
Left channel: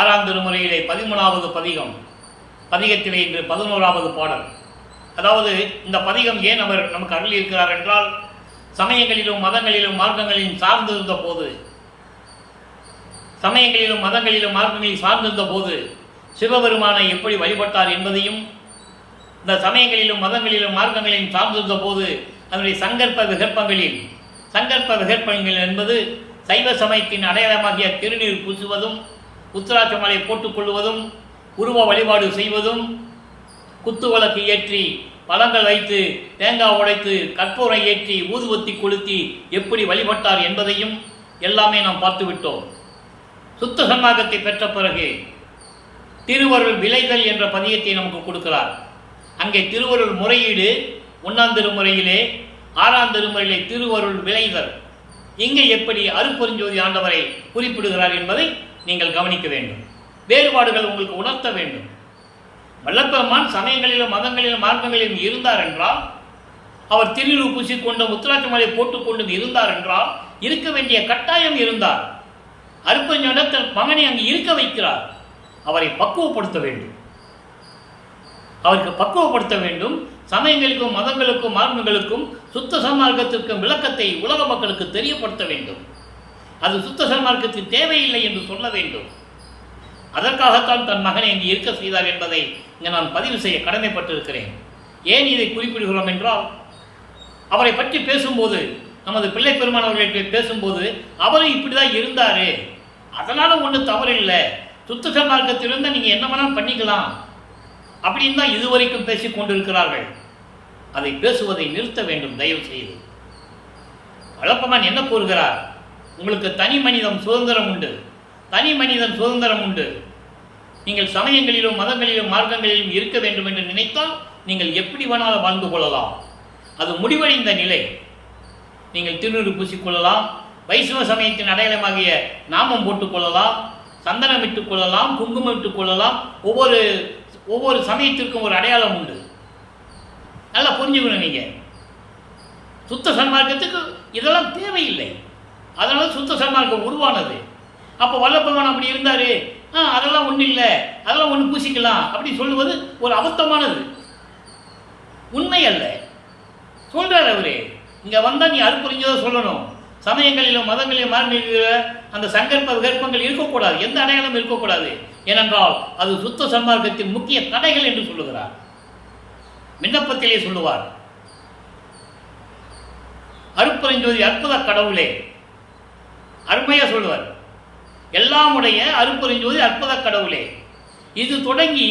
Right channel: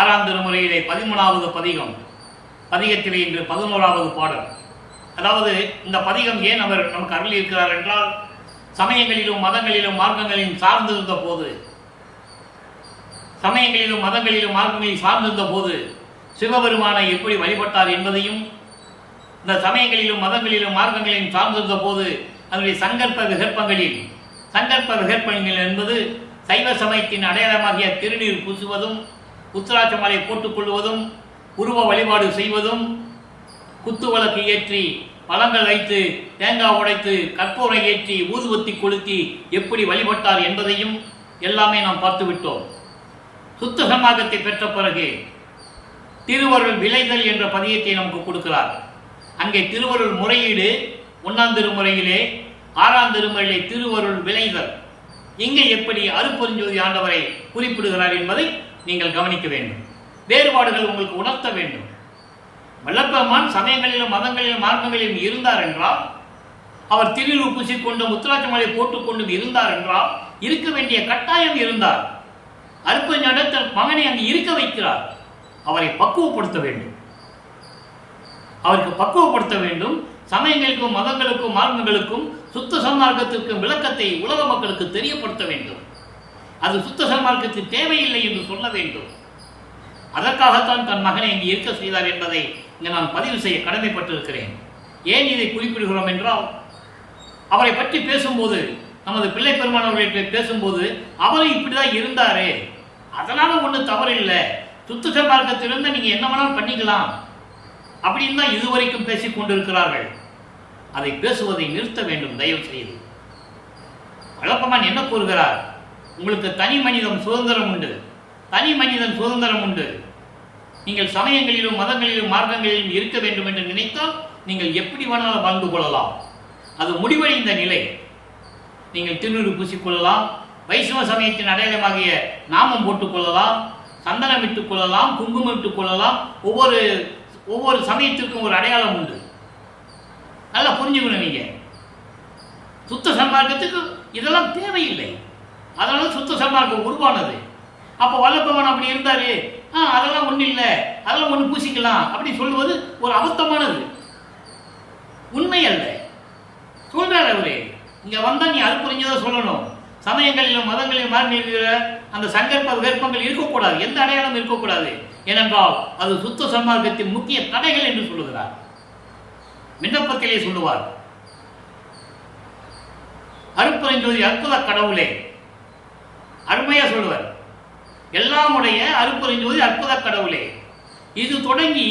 6ஆம் திருமுறையிலே 13வது பதிகத்திலே இன்று 11வது பாடல். அதாவது இந்த பதிகம் ஏன் அவர் நமக்கு அருள் இருக்கிறார் என்றால், சமயங்களிலும் மதங்களிலும் மார்க்கங்களிலும் சார்ந்திருந்த போது சிவபெருமானை எப்படி வழிபட்டார் என்பதையும், இந்த சமயங்களிலும் மதங்களிலும் மார்க்கங்களிலும் சார்ந்திருந்த போது அதனுடைய சங்கற்ப விகற்பங்கள் என்பது சைவ சமயத்தின் அடையாளமாகிய திருநீர் பூசுவதும், உத்திராட்ச மாலை போட்டுக்கொள்வதும், உருவ வழிபாடு செய்வதும், குத்து விளக்கு ஏற்றி பழங்கள் வைத்து தேங்காய் உடைத்து கற்பூரம் ஏற்றி ஊதுவத்தி கொளுத்தி எப்படி வழிபட்டார் என்பதையும் எல்லாமே நாம் பார்த்துவிட்டோம். சுத்த சன்மார்க்கத்தை பெற்ற பிறகு திருவருள் விளைதல் என்ற பதியத்தை நமக்கு கொடுக்கிறார். அங்கே திருவருள் முறையீடு 1ஆம் திருமுறையிலே, 6ஆம் திருமுறையிலே திருவருள் விளைதல். இங்கே எப்படி அருட்பெருஞ்சோதி ஆண்டவரை குறிப்பிடுகிறார் என்பதை நீங்கள் கவனிக்க வேண்டும். வேறுபாடுகள் உங்களுக்கு உணர்த்த வேண்டும். வல்லப்பெருமான் சமயங்களிலும் மதங்களிலும் மார்க்கங்களிலும் இருந்தார் என்றால், அவர் திருநீறு பூசிக்கொண்டும் உத்திராட்ச மாலை போட்டுக்கொண்டும் இருந்தார் என்றால், இருக்க வேண்டிய கட்டாயம் இருந்தார். அருட்பெருஞ்சோதி தன் மகனை அங்கு இருக்க வைக்கிறார். அவரை பக்குவப்படுத்த வேண்டும். சமயங்களுக்கும் மதங்களுக்கும் மார்க்கங்களுக்கும் சுத்த சன்மார்க்கத்திற்கும் விளக்கத்தை உலக மக்களுக்கு தெரியப்படுத்த வேண்டும். அது சுத்த சன்மார்க்கத்தின் தேவையில்லை என்று சொல்ல வேண்டும். அதற்காகத்தான் தன் மகனை இங்கு இருக்க செய்தார் என்பதை இங்கே நான் பதிவு செய்ய கடமைப்பட்டிருக்கிறேன். ஏன் இதை குறிப்பிடுகிறோம் என்றால், அவரை பற்றி பேசும்போது, நமது பிள்ளை பெருமான் அவர்களை பேசும்போது, அவரும் இப்படி தான் இருந்தார், அதனால் ஒன்றும் தவறில்லை, சுத்த சன்மார்க்கத்திலிருந்து நீங்கள் என்ன வேணாலும் பண்ணிக்கலாம் அப்படின்னு தான் இதுவரைக்கும் பேசிக் கொண்டிருக்கிறார்கள். அதை பேசுவதை நிறுத்த வேண்டும் தயவு செய்து. வல்லப்பெருமான் என்ன கூறுகிறார்? உங்களுக்கு தனி மனிதன் சுதந்திரம் உண்டு. நீங்கள் சமயங்களிலும் மதங்களிலும் மார்க்கங்களிலும் இருக்க வேண்டும் என்று நினைத்தால் நீங்கள் எப்படி வேணாலும் வாழ்ந்து கொள்ளலாம். அது முடிவடைந்த நிலை. நீங்கள் திருநீறு பூசிக்கொள்ளலாம், வைஷ்ணவ சமயத்தின் அடையாளமாகிய நாமம் போட்டுக்கொள்ளலாம், சந்தனம் இட்டுக் கொள்ளலாம், குங்குமம் இட்டுக் கொள்ளலாம். ஒவ்வொரு சமயத்திற்கும் ஒரு அடையாளம் உண்டு. நல்லா புரிஞ்சுக்கணும். நீங்கள் சுத்த சன்மார்க்கத்துக்கு இதெல்லாம் தேவையில்லை. அதனால சுத்த சன்மார்க்கம் உருவானது. அப்போ வல்லப்பெருமான் அப்படி இருந்தார், அதெல்லாம் ஒன்றும் இல்லை, அதெல்லாம் ஒன்று பூசிக்கலாம் அப்படி சொல்லுவது ஒரு அபத்தமானது, உண்மை அல்ல. சொல்கிறார் அவரு, இங்கே வந்தால் நீ அருட்பெருஞ்சோதியை சொல்லணும். சமயங்களிலும் மதங்களிலும் மாறின அந்த சங்கற்ப விகற்பங்கள் இருக்கக்கூடாது, எந்த அடையாளம் இருக்கக்கூடாது. ஏனென்றால் அது சுத்த சன்மார்க்கத்தின் முக்கிய தடைகள் என்று சொல்லுகிறார். விண்ணப்பத்திலே சொல்லுவார், அருட்பெருஞ்சோதி அற்புத கடவுளே, அருமையாக சொல்லுவார். எல்லாமுடைய அருப்பெருஞ்சோதி அற்புத கடவுளே. இது தொடங்கி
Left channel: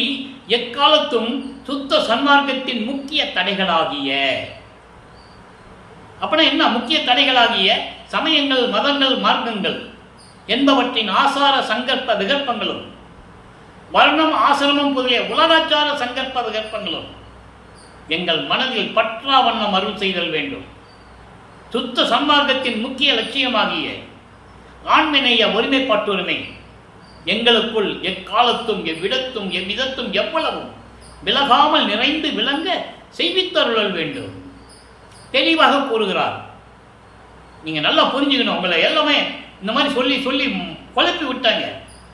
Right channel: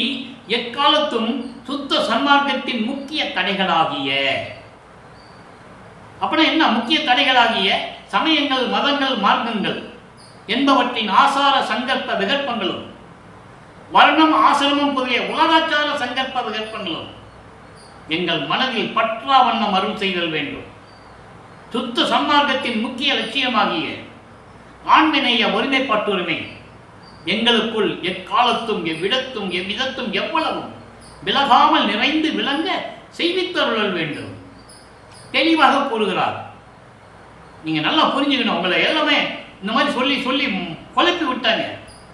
எக்காலத்தும் சுத்த சன்மார்க்கத்தின் முக்கிய தடைகளாகிய, அப்படின்னா என்ன முக்கிய தடைகளாகிய சமயங்கள், மதங்கள், மார்க்கங்கள் என்பவற்றின் ஆசார சங்கற்ப விகற்பங்களும், வர்ணம், ஆசிரமம் முதலிய உலகாச்சார சங்கற்ப விகற்பங்களும் எங்கள் மனதில் பற்றா வண்ணம் அருள் செய்தல் வேண்டும். சுத்த சன்மார்க்கத்தின் முக்கிய லட்சியமாகிய ஆண்மநேய ஒருமைப்பாட்டுரிமை எங்களுக்குள் எக்காலத்தும் எவ்விடத்தும் எவ்விதத்தும் எவ்வளவும் விலகாமல் நிறைந்து விளங்க செய்வித்தருளல் வேண்டும். தெளிவாக கூறுகிறார். நீங்கள் நல்லா புரிஞ்சுக்கணும். உங்களை எல்லாமே இந்த மாதிரி சொல்லி சொல்லி குழப்பி விட்டாங்க.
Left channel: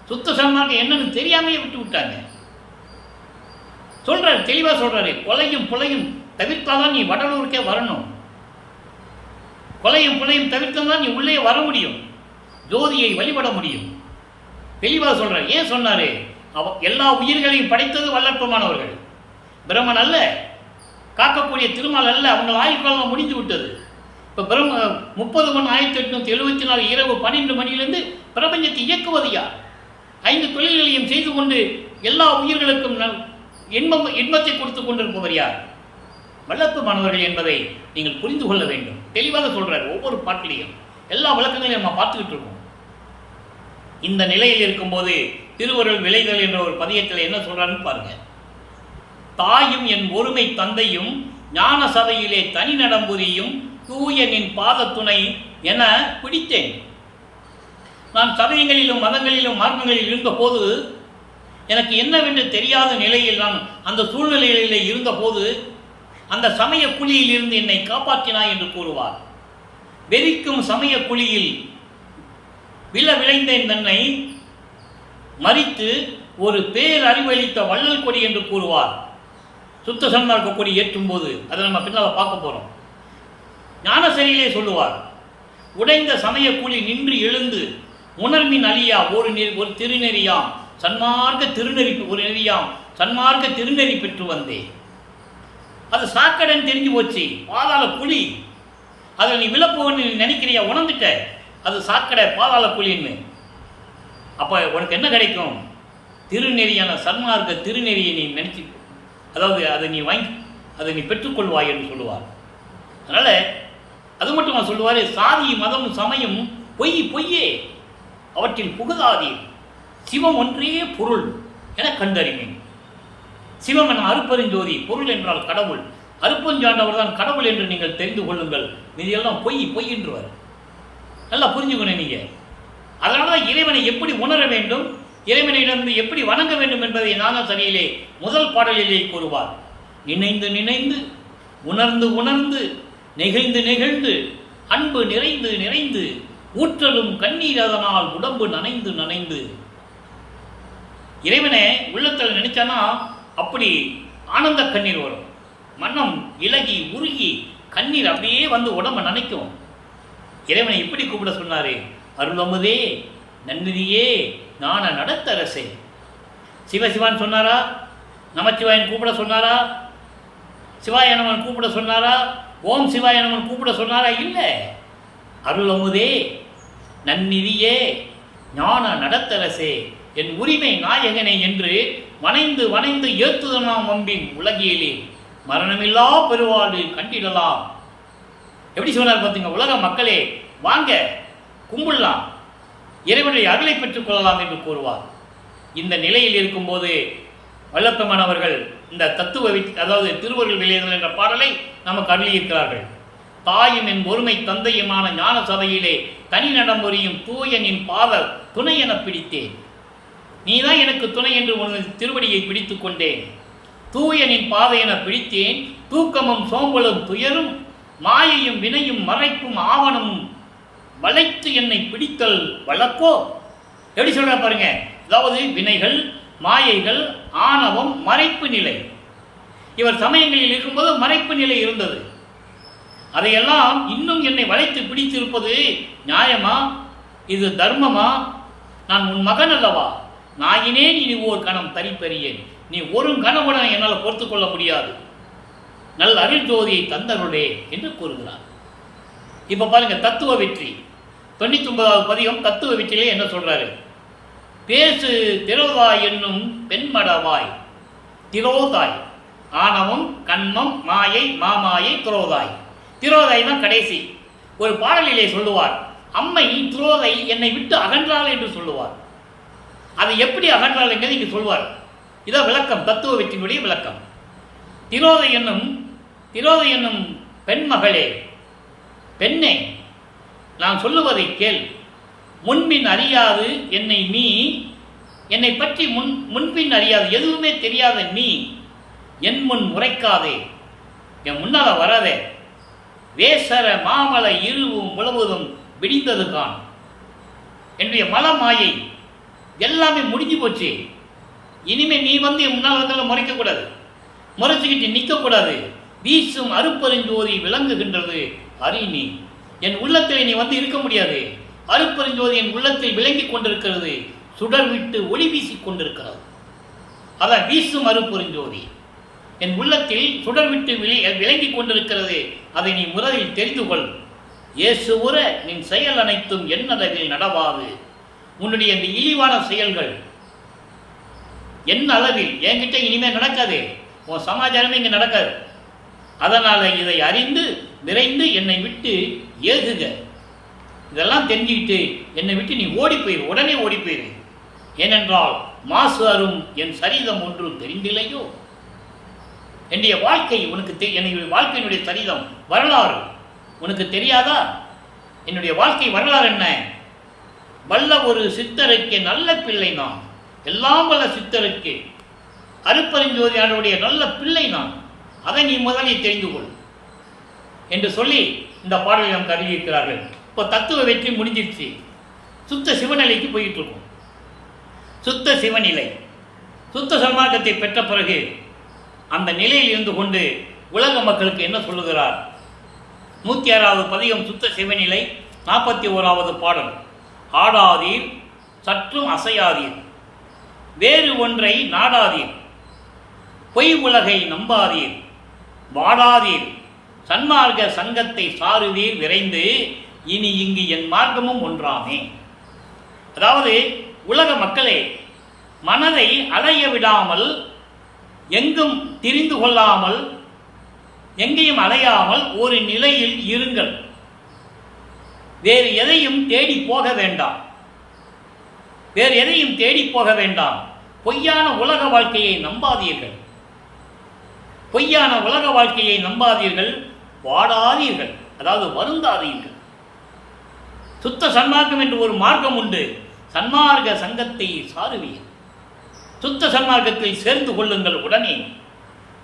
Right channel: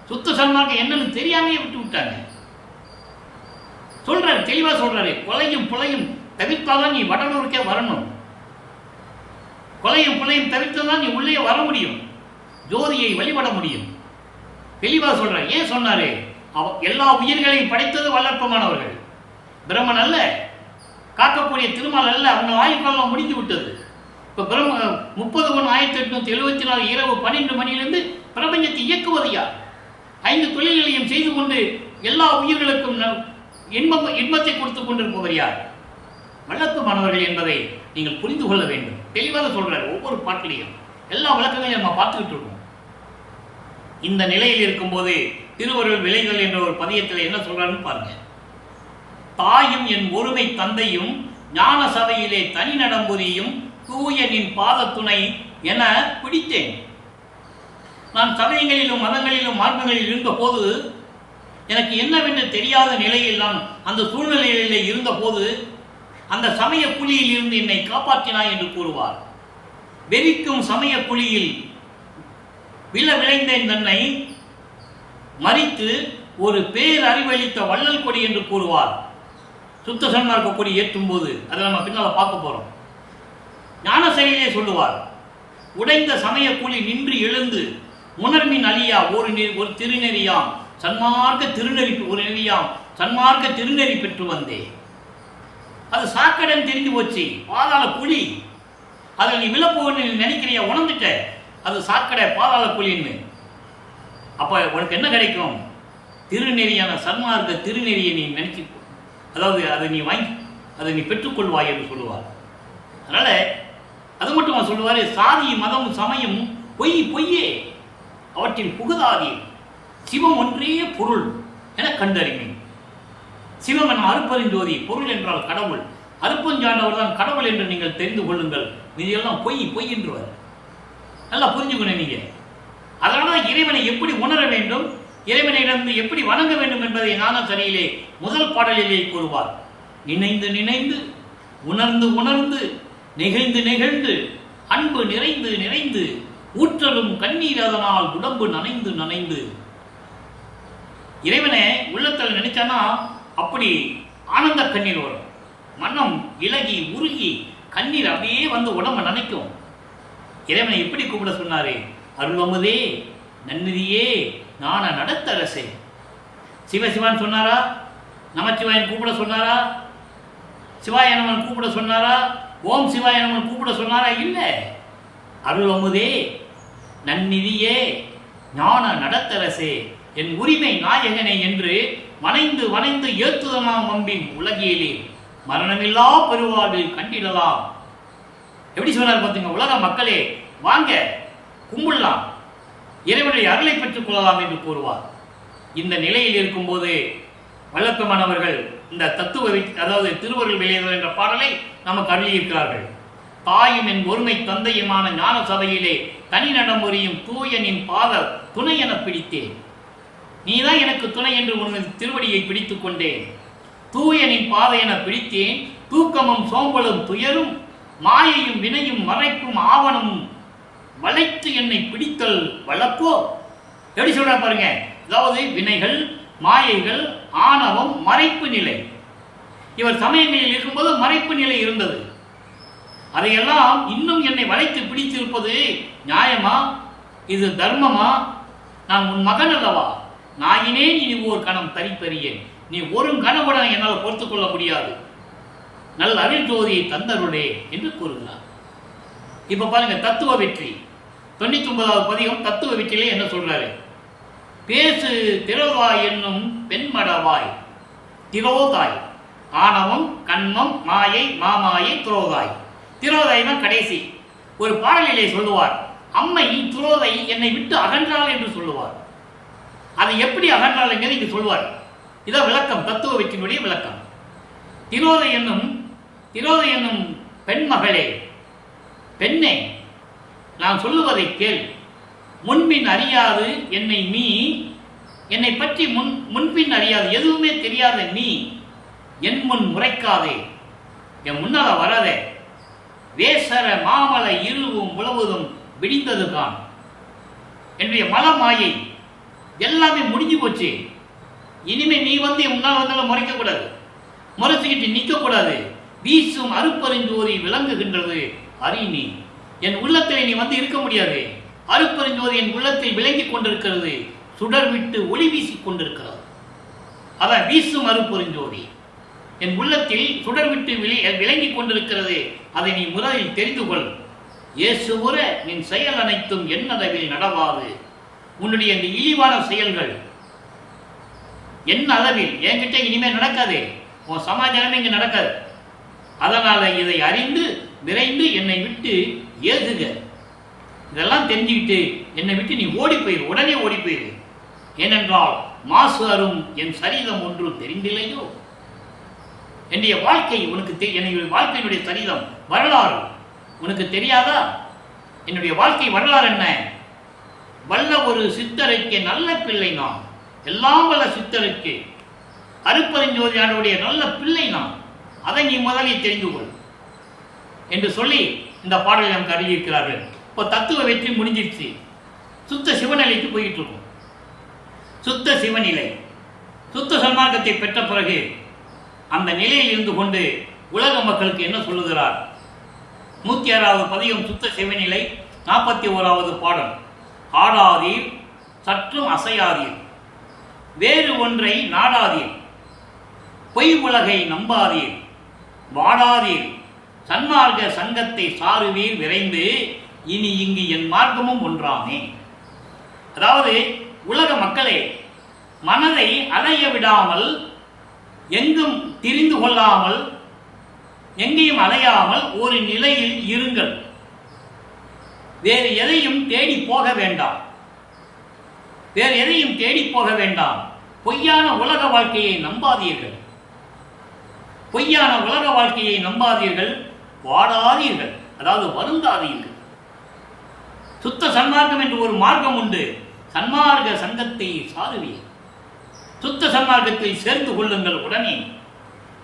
சுத்த சன்மார்க்கம் என்னன்னு தெரியாமையே விட்டு விட்டாங்க. சொல்றாரு, தெளிவாக சொல்றாரு. கொலையும் புலையும் தவிர்த்தாதான் நீ வடலூருக்கே வரணும். கொலையும் புலையும் தவிர்த்தாதான் நீ உள்ளே வர முடியும், ஜோதியை வழிபட முடியும். தெளிவாக சொல்றாரு. ஏன் சொன்னாரு? எல்லா உயிர்களையும் படைத்தது வல்லற்பமானவர்கள். பிரம்மன் அல்ல, காக்கக்கூடிய திருமால் அல்ல. அவங்க ஆயுட்காலம் முடிந்து விட்டது. இப்போ 30/1/1874 இரவு 12 மணியிலிருந்து பிரபஞ்சத்தை இயக்குவது யார்? 5 தொழில்களையும் செய்து கொண்டு எல்லா உயிர்களுக்கும் இன்பத்தை கொடுத்து கொண்டிருப்பவர் யார்? வல்லற்பமானவர்கள் என்பதை நீங்கள் புரிந்து கொள்ள வேண்டும். தெளிவாக சொல்றாரு. ஒவ்வொரு பாட்டிலையும் எல்லா விளக்கங்களையும் நம்ம பார்த்துக்கிட்டு இருக்கோம். இந்த நிலையில் இருக்கும்போது திருவருள் விளைதல் என்ற ஒரு பதியத்தில் என்ன சொல்றாருன்னு பாருங்க. தாயும் என் ஒருமை தந்தையும் ஞான சபையிலே தனி நடம்புரியும் தூய நின் பாத துணை என பிடித்தேன். நான் சமயங்களிலும் மதங்களிலும் மார்க்கங்களில் இருந்தபோது, எனக்கு என்னவென்று தெரியாத நிலையில் நான் அந்த சூழ்நிலைகளிலே இருந்தபோது அந்த சமய குழியில் இருந்து என்னை காப்பாற்றினாய் என்று கூறுவார். வெறிக்கும் சமய குழியில் விளைந்தேன் தன்னை மறித்து ஒரு பேரறிவளித்த வள்ளல் கொடி என்று கூறுவார். சுத்த சன்மார்க்க கொடி ஏற்றும் போது அதை நம்ம பின்னால் பார்க்க போறோம். ஞானசரியிலே சொல்லுவார், உடைந்த சமய கூலி நின்று எழுந்து உணர்மின் அழியா ஒரு திருநெறியாம் சன்மார்க்க திருநெறி ஒரு நெறியாம் சன்மார்க்க திருநெறி பெற்று வந்தே. அது சாக்கடன் தெரிஞ்சு போச்சு, பாதாள குழி. அதில் நீ விழப்போன்னு நினைக்கிறியா? உணர்ந்துட்ட, அது சாக்கடை பாதாள குழின்னு. அப்போ உனக்கு என்ன கிடைக்கும்? திருநெறியான சன்மார்க்க திருநெறியை நீ நினைச்சு, அதாவது அதை நீ வாங்கி அதை நீ பெற்றுக்கொள்வாய் என்று சொல்லுவார். அதனால் அது மட்டும் சொல்லுவார், சாதி மதம் சமயம் பொய்யே அவற்றில் புகுதாதீர், சிவம் ஒன்றே பொருள் என கண்டறிவேன். சிவம் என அருப்பெருஞ்சோதி, பொருள் என்றால் கடவுள், அருப்பஞ்சாண்டவர் தான் கடவுள் என்று நீங்கள் தெரிந்து கொள்ளுங்கள், மீதியெல்லாம் பொய் என்றுவார். நல்லா புரிஞ்சுக்கணும் நீங்கள். அதனால தான் இறைவனை எப்படி உணர வேண்டும், இறைவனிடம் எப்படி வணங்க வேண்டும் என்பதை ஞானசரியிலே முதல் பாடலிலே கூறுவார். நினைந்து நினைந்து உணர்ந்து உணர்ந்து நெகிழ்ந்து நெகிழ்ந்து அன்பு நிறைந்து நிறைந்து ஊற்றலும் கண்ணீர் அதனால் உடம்பு நனைந்து நனைந்து. இறைவனை உள்ளத்தில் நினைச்சானா அப்படி ஆனந்த கண்ணீர் வரும். மனம் இலகி உருகி கண்ணீர் அப்படியே வந்து உடம்பு நனைக்கும். இறைவனை எப்படி கூப்பிட சொன்னாரு? அருளமுதே, நன்னிதியே, ஞான நடத்தரசே. சிவசிவான் சொன்னாரா? நமச்சிவாயன் கூப்பிட சொன்னாரா? சிவாயனவன் கூப்பிட சொன்னாரா? ஓம் சிவாயனவன் கூப்பிட சொன்னாரா? இல்லை. அருளமுதே, நன்னிதியே, ஞான நடத்தரசே, என் உரிமை நாயகனே என்று வணைந்து வணைந்து ஏத்துதனாம் அம்பின் உலகியலே மரணமில்லா பெருவாழ்வில் கண்டிடலாம். எப்படி சொன்னார் பார்த்தீங்க? உலக மக்களே வாங்க கும்பிடலாம், இறைவனுடைய அருளை பெற்றுக் கொள்ளலாம் என்று கூறுவார். இந்த நிலையில் இருக்கும்போது வல்லப்பமானவர்கள் இந்த தத்துவ அதாவது திருவருள் விளைதல் என்ற பாடலை நமக்கு அருளியிருக்கிறார்கள். தாயும் என் ஒருமை தந்தையுமான ஞான சபையிலே தனி நடமுறையும் தூயனின் பாத துணை என பிடித்தேன். நீதான் எனக்கு துணை என்று உனது திருவடியை பிடித்து கொண்டேன். தூயனின் பாதை என பிடித்தேன். தூக்கமும் சோம்பலும் துயரும் மாயையும் வினையும் மறைப்பும் ஆவணமும் வளைத்து என்னை பிடித்தல் வழக்கோ. எப்படி சொல்ற பாருங்க. அதாவது வினைகள், மாயைகள், ஆணவம், மறைப்பு நிலை. இவர் சமயங்களில் இருக்கும்போது மறைப்பு நிலை இருந்தது. அதையெல்லாம் இன்னும் என்னை வளைத்து பிடித்திருப்பது நியாயமா? இது தர்மமா? நான் உன் மகன் அல்லவா? நாயினேன் இனி ஓர் கணம் தரிப்பறியேன். நீ ஒரு கணவுடன் என்னால் பொறுத்து கொள்ள முடியாது. நல்ல அருள் ஜோதியை தந்தருளே என்று கூறுகிறார். இப்ப பாருங்க, தத்துவ வெற்றி 99வது பதிகம் தத்துவ வெற்றியிலே என்ன சொல்றாரு? பேசு திரோதாய் என்னும் பெண்மடவாய். திரோதாய் ஆணவம், கண்மம், மாயை, மாமாயை, திரோதாய். திரோதாய் தான் கடைசி. ஒரு பாடலிலே சொல்லுவார், அம்மை திரோதை என்னை விட்டு அகன்றாள் என்று சொல்லுவார். அதை எப்படி அகன்றாள் என்கிறது இங்கு சொல்வார். இதான் விளக்கம், தத்துவ வெற்றியினுடைய விளக்கம். திரோதை என்னும் பெண்மகளே, பெண்ணே, நான் சொல்லுவதை கேள். முன்பின் அறியாது என்னை பற்றி முன்பின் அறியாது, எதுவுமே தெரியாத நீ என் முன் முறைக்காதே, என் முன்னால வராதே. வேசர மாமல இருவும் உழவுதும் விடிந்தது கான். என்னுடைய மல மாயை எல்லாமே முடிஞ்சு போச்சு. இனிமே நீ வந்து என் முன்னால் வந்தாலும் முறைக்கக்கூடாது, முறைச்சிக்கிட்டு நிற்கக்கூடாது. வீசும் அருப்பெருஞ்சோதி விளங்குகின்றது அறி நீ. என் உள்ளத்தில் நீ வந்து இருக்க முடியாது. அருப்பெருஞ்சோதி என் உள்ளத்தில் விளங்கி கொண்டிருக்கிறது, சுடர் விட்டு ஒளி வீசி கொண்டிருக்கிறது. அதான் வீசும் அருப்பெருஞ்சோதி என் உள்ளத்தில் சுடர் விட்டு விளங்கி கொண்டிருக்கிறது. அதை நீ முதலில் தெரிந்து கொள். இயேசுவுற நின் செயல் அனைத்தும் என்னளவில் நடவாது. உன்னுடைய இந்த இழிவான செயல்கள் என்ன அளவில் என்கிட்ட இனிமேல் நடக்காது. உன் சமாச்சாரமே இங்கே நடக்காது. அதனால் இதை அறிந்து விரைந்து என்னை விட்டு ஏகுக. இதெல்லாம் தெரிஞ்சுக்கிட்டு என்னை விட்டு நீ ஓடி போயிரு, உடனே ஓடி போயிரு. ஏனென்றால் மாசு அரும் என் சரிதம் ஒன்று தெரிந்தில்லையோ. என்னுடைய வாழ்க்கை உனக்கு என்னுடைய வாழ்க்கையினுடைய சரிதம் வரலாறு உனக்கு தெரியாதா? என்னுடைய வாழ்க்கை வரலாறு என்ன? வல்ல ஒரு சித்தருக்கு நல்ல பிள்ளை நான், எல்லாம் வல்ல சித்தருக்கு அருப்பெருஞ்சோதியானுடைய நல்ல பிள்ளை நான். அதை நீ முதலில் தெரிந்து கொள் என்று சொல்லி இந்த பாடலை நமக்கு அறிவிக்கிறார்கள். இப்போ தத்துவ வெற்றி முடிஞ்சிருச்சு. சுத்த சிவநிலைக்கு போயிட்டு இருக்கோம். சுத்த சிவநிலை, சுத்த சன்மார்க்கத்தை பெற்ற பிறகு அந்த நிலையில் இருந்து கொண்டு உலக மக்களுக்கு என்ன சொல்லுகிறார்? 106வது பதிகம் சுத்த சிவநிலை, 41வது பாடல். ஆடாதீர் சற்றும் அசையாதீர், வேறு ஒன்றை நாடாதீர், பொய் உலகை நம்பாதீர், வாடாதீர், சன்மார்க்க சங்கத்தை சாருவீர் விரைந்து, இனி இங்கு என் மார்க்கமும் ஒன்றாமே. அதாவது உலக மக்களே, மனதை அலைய விடாமல், எங்கும் திரிந்து கொள்ளாமல், எங்கேயும் அலையாமல் ஒரு நிலையில் இருங்கள். வேறு எதையும் தேடி போக வேண்டாம். வேறு எதையும் தேடி போக வேண்டாம். பொய்யான உலக வாழ்க்கையை நம்பாதீர்கள். பொய்யான உலக வாழ்க்கையை நம்பாதீர்கள். வாடாதீர்கள், அதாவது வருந்தாதீர்கள். சுத்த சன்மார்க்கம் என்று ஒரு மார்க்கம் உண்டு. சன்மார்க்க சங்கத்தை சாருவீர். சுத்த சன்மார்க்கத்தில் சேர்ந்து கொள்ளுங்கள் உடனே.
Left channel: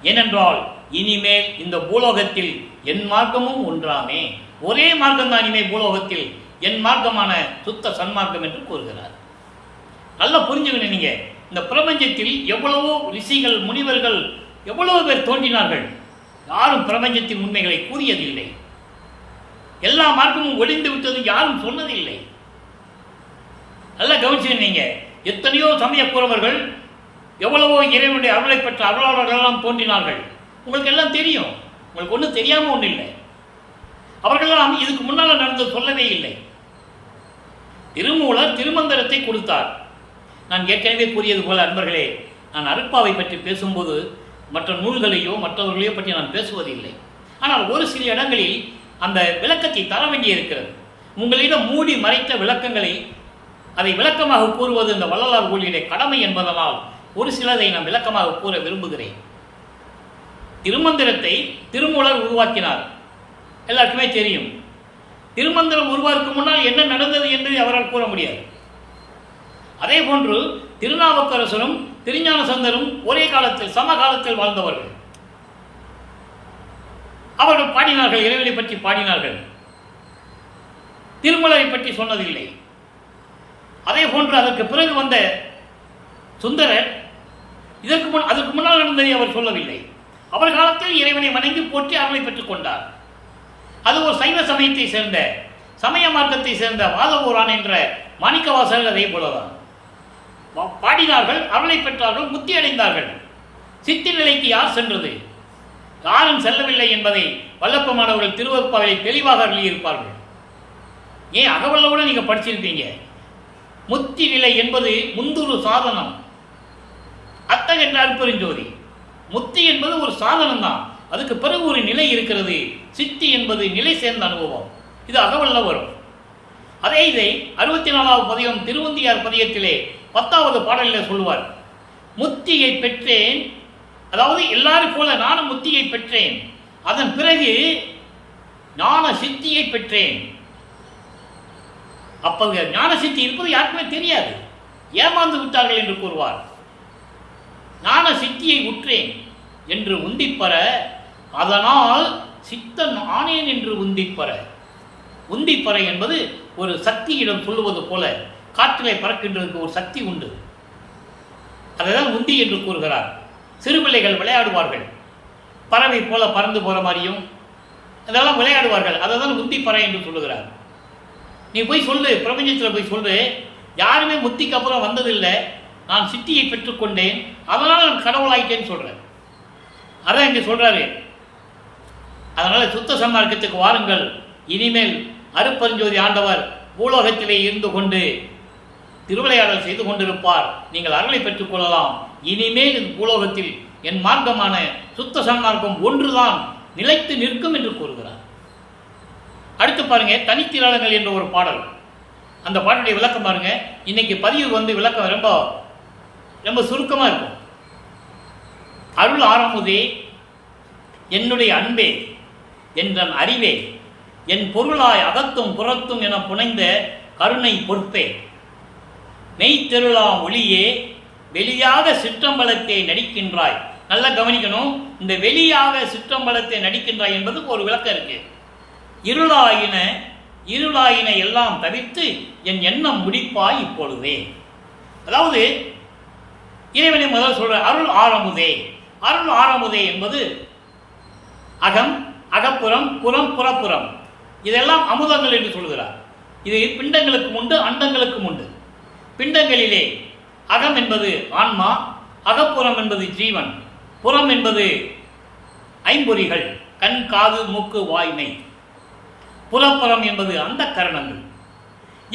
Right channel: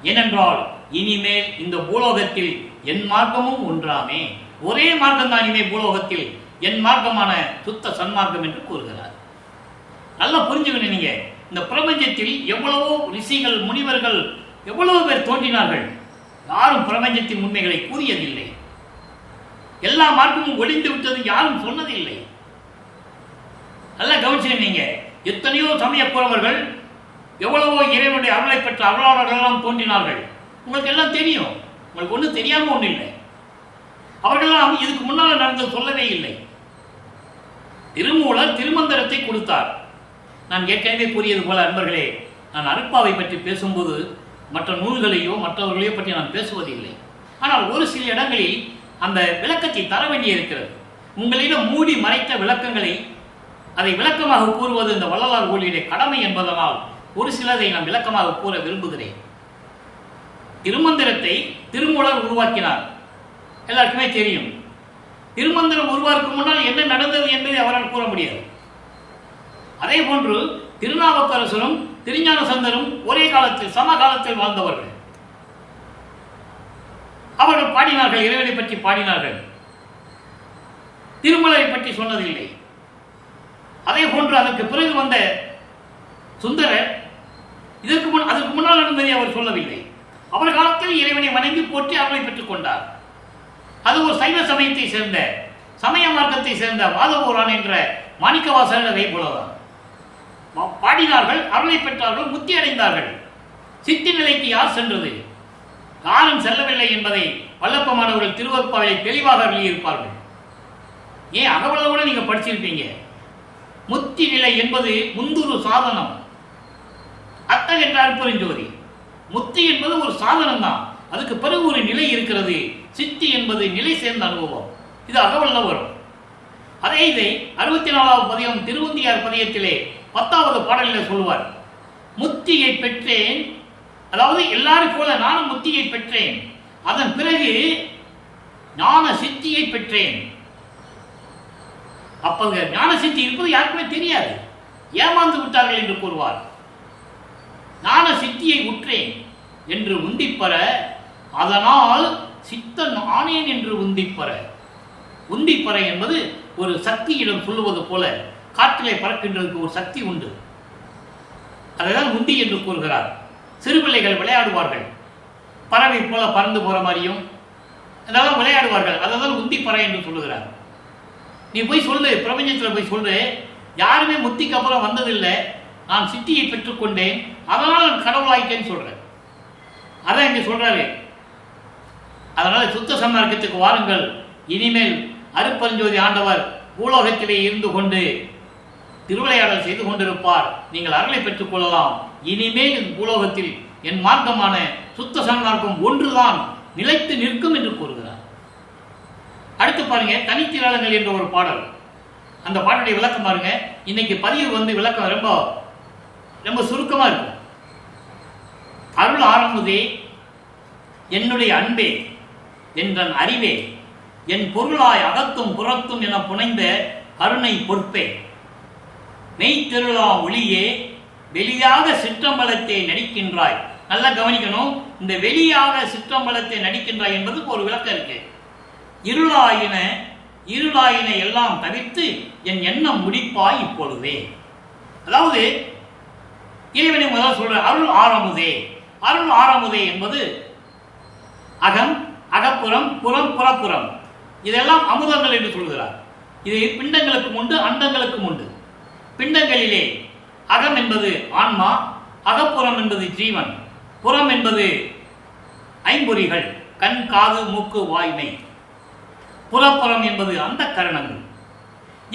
ஏனென்றால் இனிமேல் இந்த பூலோகத்தில் என் மார்க்கமும் ஒன்றாமே. ஒரே மார்க்கம் தான் இனிமேல் பூலோகத்தில், என் மார்க்கமான சுத்த சன்மார்க்கம் என்று கூறுகிறார். நல்லா புரிஞ்சுக்கணும். நீங்க இந்த பிரபஞ்சத்தில் எவ்வளவோ ரிஷிகள், முனிவர்கள், எவ்வளவோ பேர் தோன்றினார்கள். யாரும் பிரபஞ்சத்தின் உண்மைகளை கூறியதில்லை. எல்லா மார்க்கமும் ஒளிந்து விட்டது யாரும் சொன்னதில்லை. நல்லா கவனிச்சுக்கணும். நீங்க எத்தனையோ சமயக்குறவர்கள், எவ்வளவோ இறைவனுடைய அருளை பெற்ற அருளாளர்கள் எல்லாம் தோன்றினார்கள். உங்களுக்கு எல்லாம் தெரியும். உங்களுக்கு ஒன்றும் தெரியாமல் ஒன்றும் இல்லை. அவர்களெல்லாம் இதுக்கு முன்னால் நடந்து சொல்லவே இல்லை. திருமூலர் திருமந்திரத்தை கொடுத்தார். நான் ஏற்கனவே கூறியது போல அன்பர்களே, நான் அருட்பாவை பற்றி பேசும்போது மற்ற நூல்களையோ மற்றவர்களையோ பற்றி நான் பேசுவதில்லை. ஆனால் ஒரு சில இடங்களில் அந்த விளக்கத்தை தர வேண்டியிருக்கிறது. உங்களிடம் மூடி மறைத்த விளக்கங்களை அதை விளக்கமாக கூறுவது இந்த வள்ளலார் ஊழியருடைய கடமை என்பதனால் ஒரு சிலதை நான் விளக்கமாக கூற விரும்புகிறேன். திருமந்திரத்தை திருமூலர் உருவாக்கினார், எல்லாருக்குமே தெரியும். திருமந்திரம் உருவாக்கும் முன்னால் என்ன நடந்தது என்பதை அவரால் கூற முடியாது. அதே போன்று திருநாவுக்கரசரும் திருஞான சம்பந்தரும் ஒரே காலத்தில் சமகாலத்தில் வாழ்ந்தவர்கள். அவர்கள் பாடினார்கள், இறைவனை பற்றி பாடினார்கள், திருமலரை பற்றி சொன்னதில்லை. அதே போன்று அதற்கு பிறகு வந்த சுந்தரர் அதற்கு முன்னால் நடந்ததை அவர் சொல்லவில்லை. அவர் காலத்தில் இறைவனை வணங்கி போற்றி அருளை பெற்றுக் கொண்டார். அது ஒரு சைவ சமயத்தை சேர்ந்த, சமய மார்க்கத்தை சேர்ந்த வாதபூரான் என்ற மாணிக்கவாசகர் அதே போலதான் பாடினார்கள், அருளை பெற்றார்கள், முத்தி அடைந்தார்கள். சித்தி நிலைக்கு யார் சென்றது, யாரும் செல்லவில்லை என்பதை வல்லப்பமானவர்கள் திருவருட்பாவிலே தெளிவாக எழுதியிருப்பார்கள். ஏன் அகவல்லோட நீங்கள் படிச்சிருப்பீங்க. முத்தி நிலை என்பது முந்துரு சாதனம். அத்தகைய அருட்பெருஞ்சோதி முத்தி என்பது ஒரு சாதனம் தான். அதுக்கு பிறகு ஒரு நிலை இருக்கிறது. சித்தி என்பது நிலை சேர்ந்த அனுபவம். இது அகவல்ல வரும். அதே இதை 64வது பதிகம் திருவந்தியார் பதியத்திலே 10வது பாடலில் சொல்லுவார். முத்தியை பெற்றேன், அதாவது எல்லாரும் போல நானும் முத்தியை பெற்றேன், அதன் பிறகு ஞான சித்தியை பெற்றேன். அப்ப ஞான சித்தி இருப்பது யாருக்குமே தெரியாது, ஏமாந்து விட்டார்கள் என்று கூறுவார். ஞான சித்தியை உற்றேன் என்று உந்திப்பெற, அதனால் சித்தன் ஆனேன் என்று உந்திப்பெற. உந்திப்பெற என்பது ஒரு சக்தியிடம் சொல்லுவது போல, காற்றிலே பறக்கின்றதுக்கு ஒரு சக்தி உண்டு, அதைதான் உந்தி என்று கூறுகிறார். சிறுபிள்ளைகள் விளையாடுவார்கள், பறவை போல பறந்து போகிற மாதிரியும் அதெல்லாம் விளையாடுவார்கள், அதை தான் உந்திப்பெற என்று சொல்லுகிறார். நீ போய் சொல்லு, பிரபஞ்சத்தில் போய் சொல்லு, யாருமே முத்திக்கு அப்புறம் வந்ததில்லை, நான் சித்தியை பெற்றுக்கொண்டேன், அதனால் நான் கடவுளாயிட்டேன்னு சொல்கிறேன். அதான் இங்கே சொல்கிறாரு. அதனால் சுத்த சன்மார்க்கத்துக்கு வாருங்கள். இனிமேல் அருட்பெருஞ்சோதி ஆண்டவர் பூலோகத்திலே இருந்து கொண்டு திருவிளையாடல் செய்து கொண்டிருப்பார். நீங்கள் அருளை பெற்றுக்கொள்ளலாம். இனிமேல் இந்த பூலோகத்தில் என் மார்க்கமான சுத்த சன்மார்க்கம் ஒன்றுதான் நிலைத்து நிற்கும் என்று கூறுகிறார். அடுத்து பாருங்க, தனித்திரளங்கள் என்ற ஒரு பாடல். அந்த பாட்டுடைய விளக்கம் பாருங்க. இன்னைக்கு பதிவு விளக்கம் ரொம்ப ரொம்ப சுருக்கமாக இருக்கும். அருள் ஆரமுதே, என்னுடைய அன்பே, என்றன் அறிவே, என் பொருளாய் அகத்தும் புறத்தும் என புனைந்த கருணை பொறுப்பே, மெய்த்தெருளாம் ஒளியே, வெளியாக சிற்றம்பலத்தை நடிக்கின்றாய். நல்லா கவனிக்கணும், இந்த வெளியாக சிற்றம்பலத்தை நடிக்கின்றாய் என்பதுக்கு ஒரு விளக்கம் இருக்கு. இருளாயின எல்லாம் தவிர்த்து என் எண்ணம் முடிப்பாய் இப்பொழுதே. அதாவது இறைவனை முதல் சொல்ற அருள் ஆரமுதே. அருள் ஆரமுதே என்பது அகம், அகப்புறம், புறம், புறப்புறம், இதெல்லாம் அமுதங்கள் என்று சொல்கிறார். இது பிண்டங்களுக்கும் உண்டு, அண்டங்களுக்கும் உண்டு. பிண்டங்களிலே அகம் என்பது ஆன்மா, அகப்புறம் என்பது ஜீவன், புறம் என்பது ஐம்பொறிகள், கண், காது, மூக்கு, வாய்மை, புறப்புறம் என்பது அந்த கரணங்கள்.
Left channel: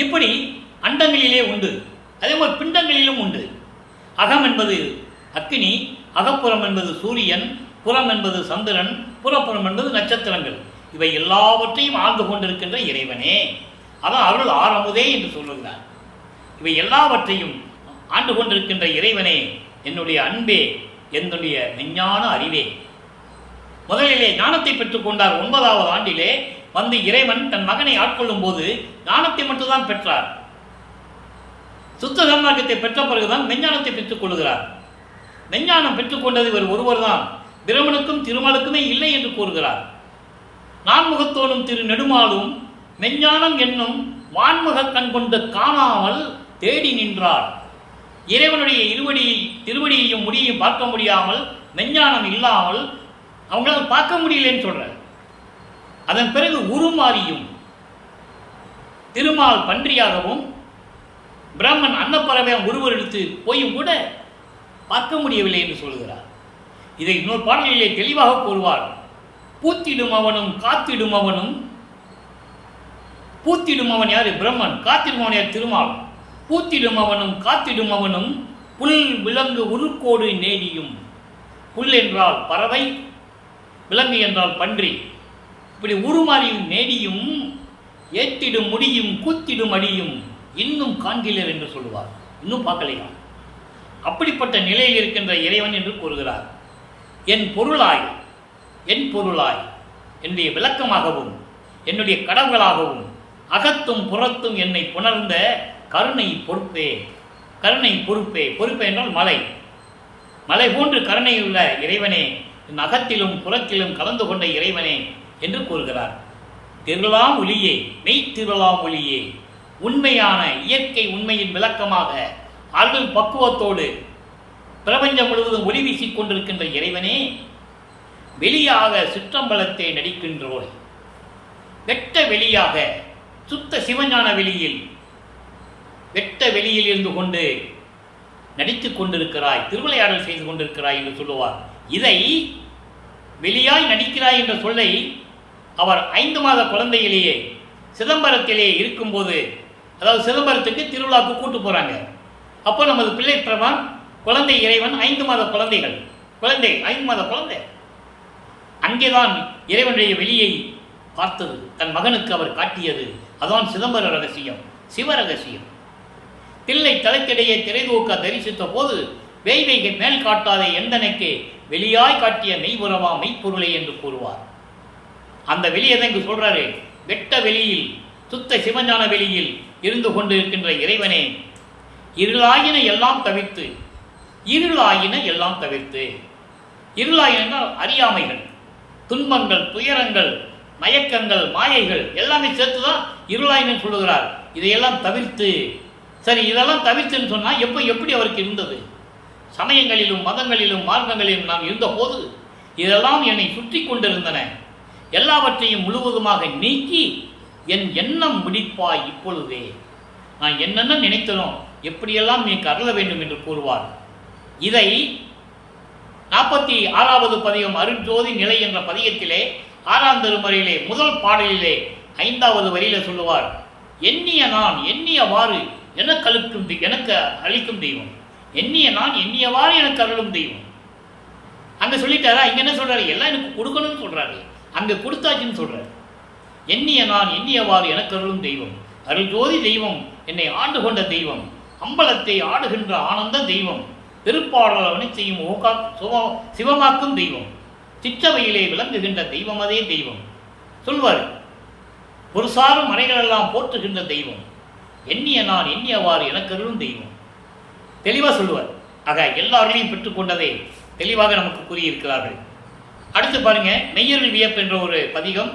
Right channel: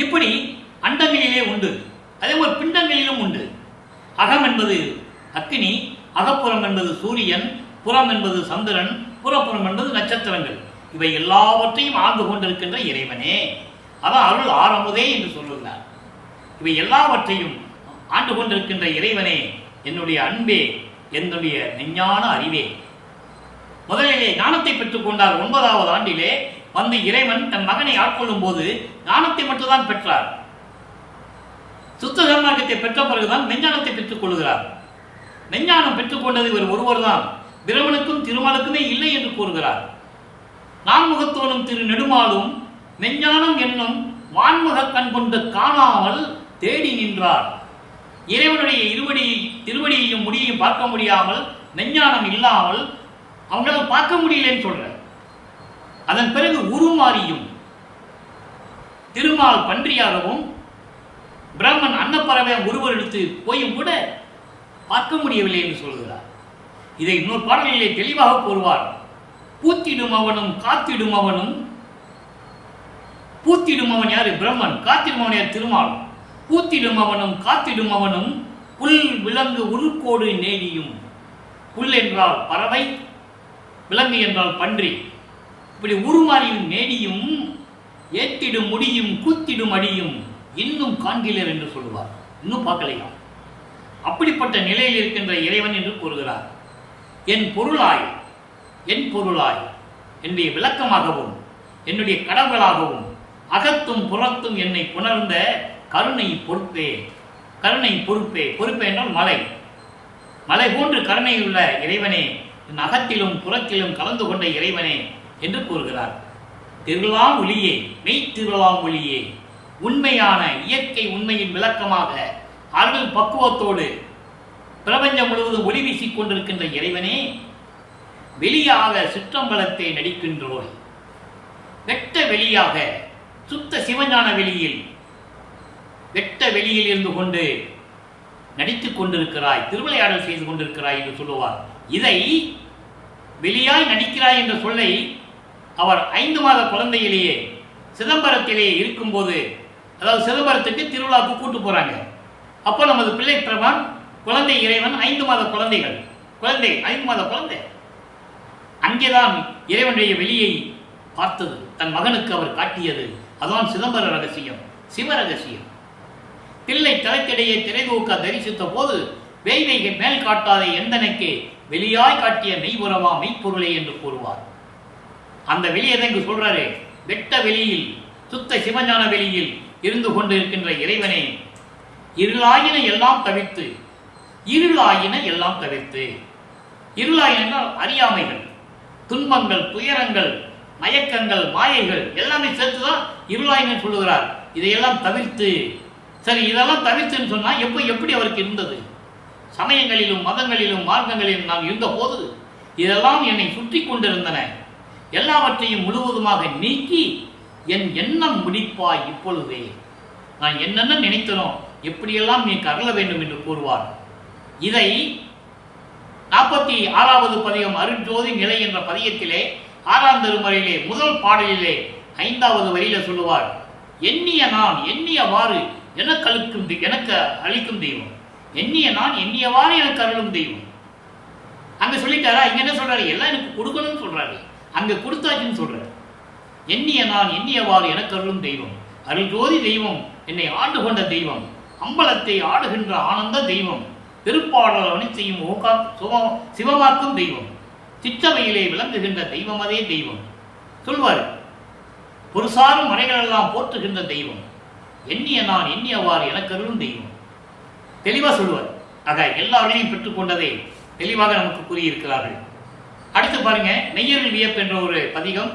இப்படி அண்டங்களிலே உண்டு, அதே மாதிரி பிண்டங்களிலும் உண்டு. அகம் என்பது அக்கினி, அகப்புறம் என்பது சூரியன், புறம் என்பது சந்திரன், புறப்புறம் என்பது நட்சத்திரங்கள். இவை எல்லாவற்றையும் ஆழ்ந்து கொண்டிருக்கின்ற இறைவனே, அதான் அருள் ஆரமுதே என்று சொல்லுகிறார். இவை எல்லாவற்றையும் ஆண்டு கொண்டிருக்கின்ற இறைவனே, என்னுடைய அன்பே, என்னுடைய விஞ்ஞான அறிவே. முதலிலே ஞானத்தை பெற்றுக்கொண்டார். 9வது ஆண்டிலே வந்து இறைவன் தன் மகனை ஆட்கொள்ளும் போது ஞானத்தை மட்டும்தான் பெற்றார். சுத்த சன்மார்க்கத்தை பெற்ற பிறகுதான் மெஞ்ஞானத்தை பெற்றுக் கொள்கிறார். மெஞ்ஞானம் பெற்றுக்கொண்டது இவர் ஒருவர் தான், பிரமனுக்கும் திருமாலுக்குமே இல்லை என்று கூறுகிறார். நான்முகத்தோனும் திரு நெடுமாலும் மெஞ்ஞானம் என்னும் வான்முக கண் கொண்டு காணாமல் தேடி நின்றார். இறைவனுடைய திருவடியையும் முடியையும் பார்க்க முடியாமல், மெஞ்ஞானம் இல்லாமல் அவங்களால் பார்க்க முடியலன்னு சொல்றார். அதன் பிறகு உருமாறியும் திருமால் பன்றியாகவும் பிரம்மன் அன்னப்பறவை உருவெடுத்து போயும் கூட பார்க்க முடியவில்லை என்று சொல்கிறார். இதை இன்னொரு பாடலிலே தெளிவாக கூறுவார். பூத்திடும் அவனும் காத்திடும் அவனும், பூத்திடும் அவன் யாரு? பிரம்மன். காத்திடும் அவன் யார்? திருமால். பூத்திடும் அவனும் காத்திடும் அவனும் புல் விலங்கு உருக்கோடு நேடியும். புல் என்றால் பறவை, விலங்கு என்றால் பன்றி. இப்படி உருமாறியும் நேடியும் ஏத்திடும் முடியும் கூத்திடும் அடியும் இன்னும் காண்கிறீர் என்று சொல்லுவார். இன்னும் பார்க்கலையாம். அப்படிப்பட்ட நிலையில் இருக்கின்ற இறைவன் என்று கூறுகிறார். என் பொருளாய், என் பொருளாய், என்னுடைய விளக்கமாகவும் என்னுடைய கடவுளாகவும் அகத்தும் புறத்தும் என்னை புணர்ந்த கருணை பொறுப்பே. கருணை பொறுப்பே. பொறுப்பே என்றால் மலை. மலை போன்று கருணையுள்ள இறைவனே, என் அகத்திலும் புறத்திலும் கலந்து கொண்ட இறைவனே என்று கூறுகிறார். திருளாம் ஒளியே, மெய் திருளாம் ஒளியே, உண்மையான இயற்கை உண்மையின் விளக்கமாக அருள் பக்குவத்தோடு பிரபஞ்சம் முழுவதும் ஒளி வீசிக் கொண்டிருக்கின்ற இறைவனே, வெளியாக சிற்றம்பலத்தை நடிக்கின்றோய். வெட்ட வெளியாக, சுத்த சிவஞான வெளியில், வெட்ட வெளியில் இருந்து கொண்டு நடித்துக் கொண்டிருக்கிறாய், திருவிளையாடல் செய்து கொண்டிருக்கிறாய் என்று சொல்லுவார். இதை வெளியாய் நடிக்கிறாய் என்ற சொல்லை அவர் 5 மாத குழந்தையிலேயே சிதம்பரத்திலே இருக்கும்போது அதாவது சிதம்பரத்துக்கு திருவிழாவுக்கு கூட்டு போகிறாங்க. அப்போ நமது பிள்ளை பிரமான் குழந்தை இறைவன் 5 மாத குழந்தைகள் 5 மாத குழந்தை அங்கேதான் இறைவனுடைய வெளியை பார்த்தது, தன் மகனுக்கு அவர் காட்டியது. அதான் சிதம்பர ரகசியம், சிவ ரகசியம். தில்லை தலைக்கிடையே திரைதூக்க தரிசித்த போது வேய்வைகை மேல் காட்டாத எந்தனைக்கு வெளியாய் காட்டிய மெய்புறவா மெய்ப்பொருளை என்று கூறுவார். அந்த வெளியை தான் இங்கு சொல்றாரு. வெட்ட வெளியில், சுத்த சிவஞான வெளியில் இருந்து கொண்டிருக்கின்ற இறைவனே, இருளாயின எல்லாம் தவிர்த்து, இருளாயின எல்லாம் தவிர்த்து, இருளாயின அறியாமைகள், துன்பங்கள், துயரங்கள், மயக்கங்கள், மாயைகள் எல்லாமே சேர்த்துதான் இருளாயின்னு சொல்லுகிறார். இதையெல்லாம் தவிர்த்து. சரி, இதெல்லாம் தவிர்த்துன்னு சொன்னா எப்படி அவருக்கு இருந்தது? சமயங்களிலும் மதங்களிலும் மார்க்கங்களிலும் நாம் இருந்த போது இதெல்லாம் என்னை சுற்றி கொண்டிருந்தன. எல்லாவற்றையும் முழுவதுமாக நீக்கி என் எண்ணம் முடிப்பாய் இப்பொழுதே. நான் என்னென்ன நினைத்தனோ எப்படியெல்லாம் நீ அருள வேண்டும் என்று கூறுவார். இதை 46வது பதிகம் அருட்ஜோதி நிலை என்ற பதிகத்திலே 6ஆம் திருமுறையிலே முதல் பாடலிலே 5வது வரியில சொல்லுவார். எண்ணிய நான் எண்ணியவாறு எனக்கு அளிக்கும் தெய்வம், எண்ணிய நான் எண்ணியவாறு எனக்கு அருளும் தெய்வம். அங்க சொல்லிட்டாரா? இங்க என்ன சொல்றாரு? எல்லாம் எனக்கு கொடுக்கணும்னு சொல்றாரு. அங்க கொடுத்தாச்சுன்னு சொல்றாரு. எண்ணிய நான் எண்ணியவாறு எனக்கு அருளும் தெய்வம், அருள் ஜோதி தெய்வம், என்னை ஆண்டு கொண்ட தெய்வம், அம்பலத்தை ஆடுகின்ற ஆனந்த தெய்வம், திருப்பாடல் அவனைத்தையும் சிவமாக்கும் தெய்வம், சிற்றவையிலே விளங்குகின்ற தெய்வம், அதே தெய்வம் சொல்வார். ஒரு சாரும் மறைகளெல்லாம் போற்றுகின்ற தெய்வம், எண்ணிய நான் எண்ணியவாறு எனக்கு அருளும் தெய்வம். தெளிவாக சொல்லுவார். ஆக எல்லாரையும் பெற்றுக்கொண்டதை தெளிவாக நமக்கு கூறியிருக்கிறார்கள். அடுத்து பாருங்க, மெய்யருள் வியப்பு என்ற ஒரு பதிகம்,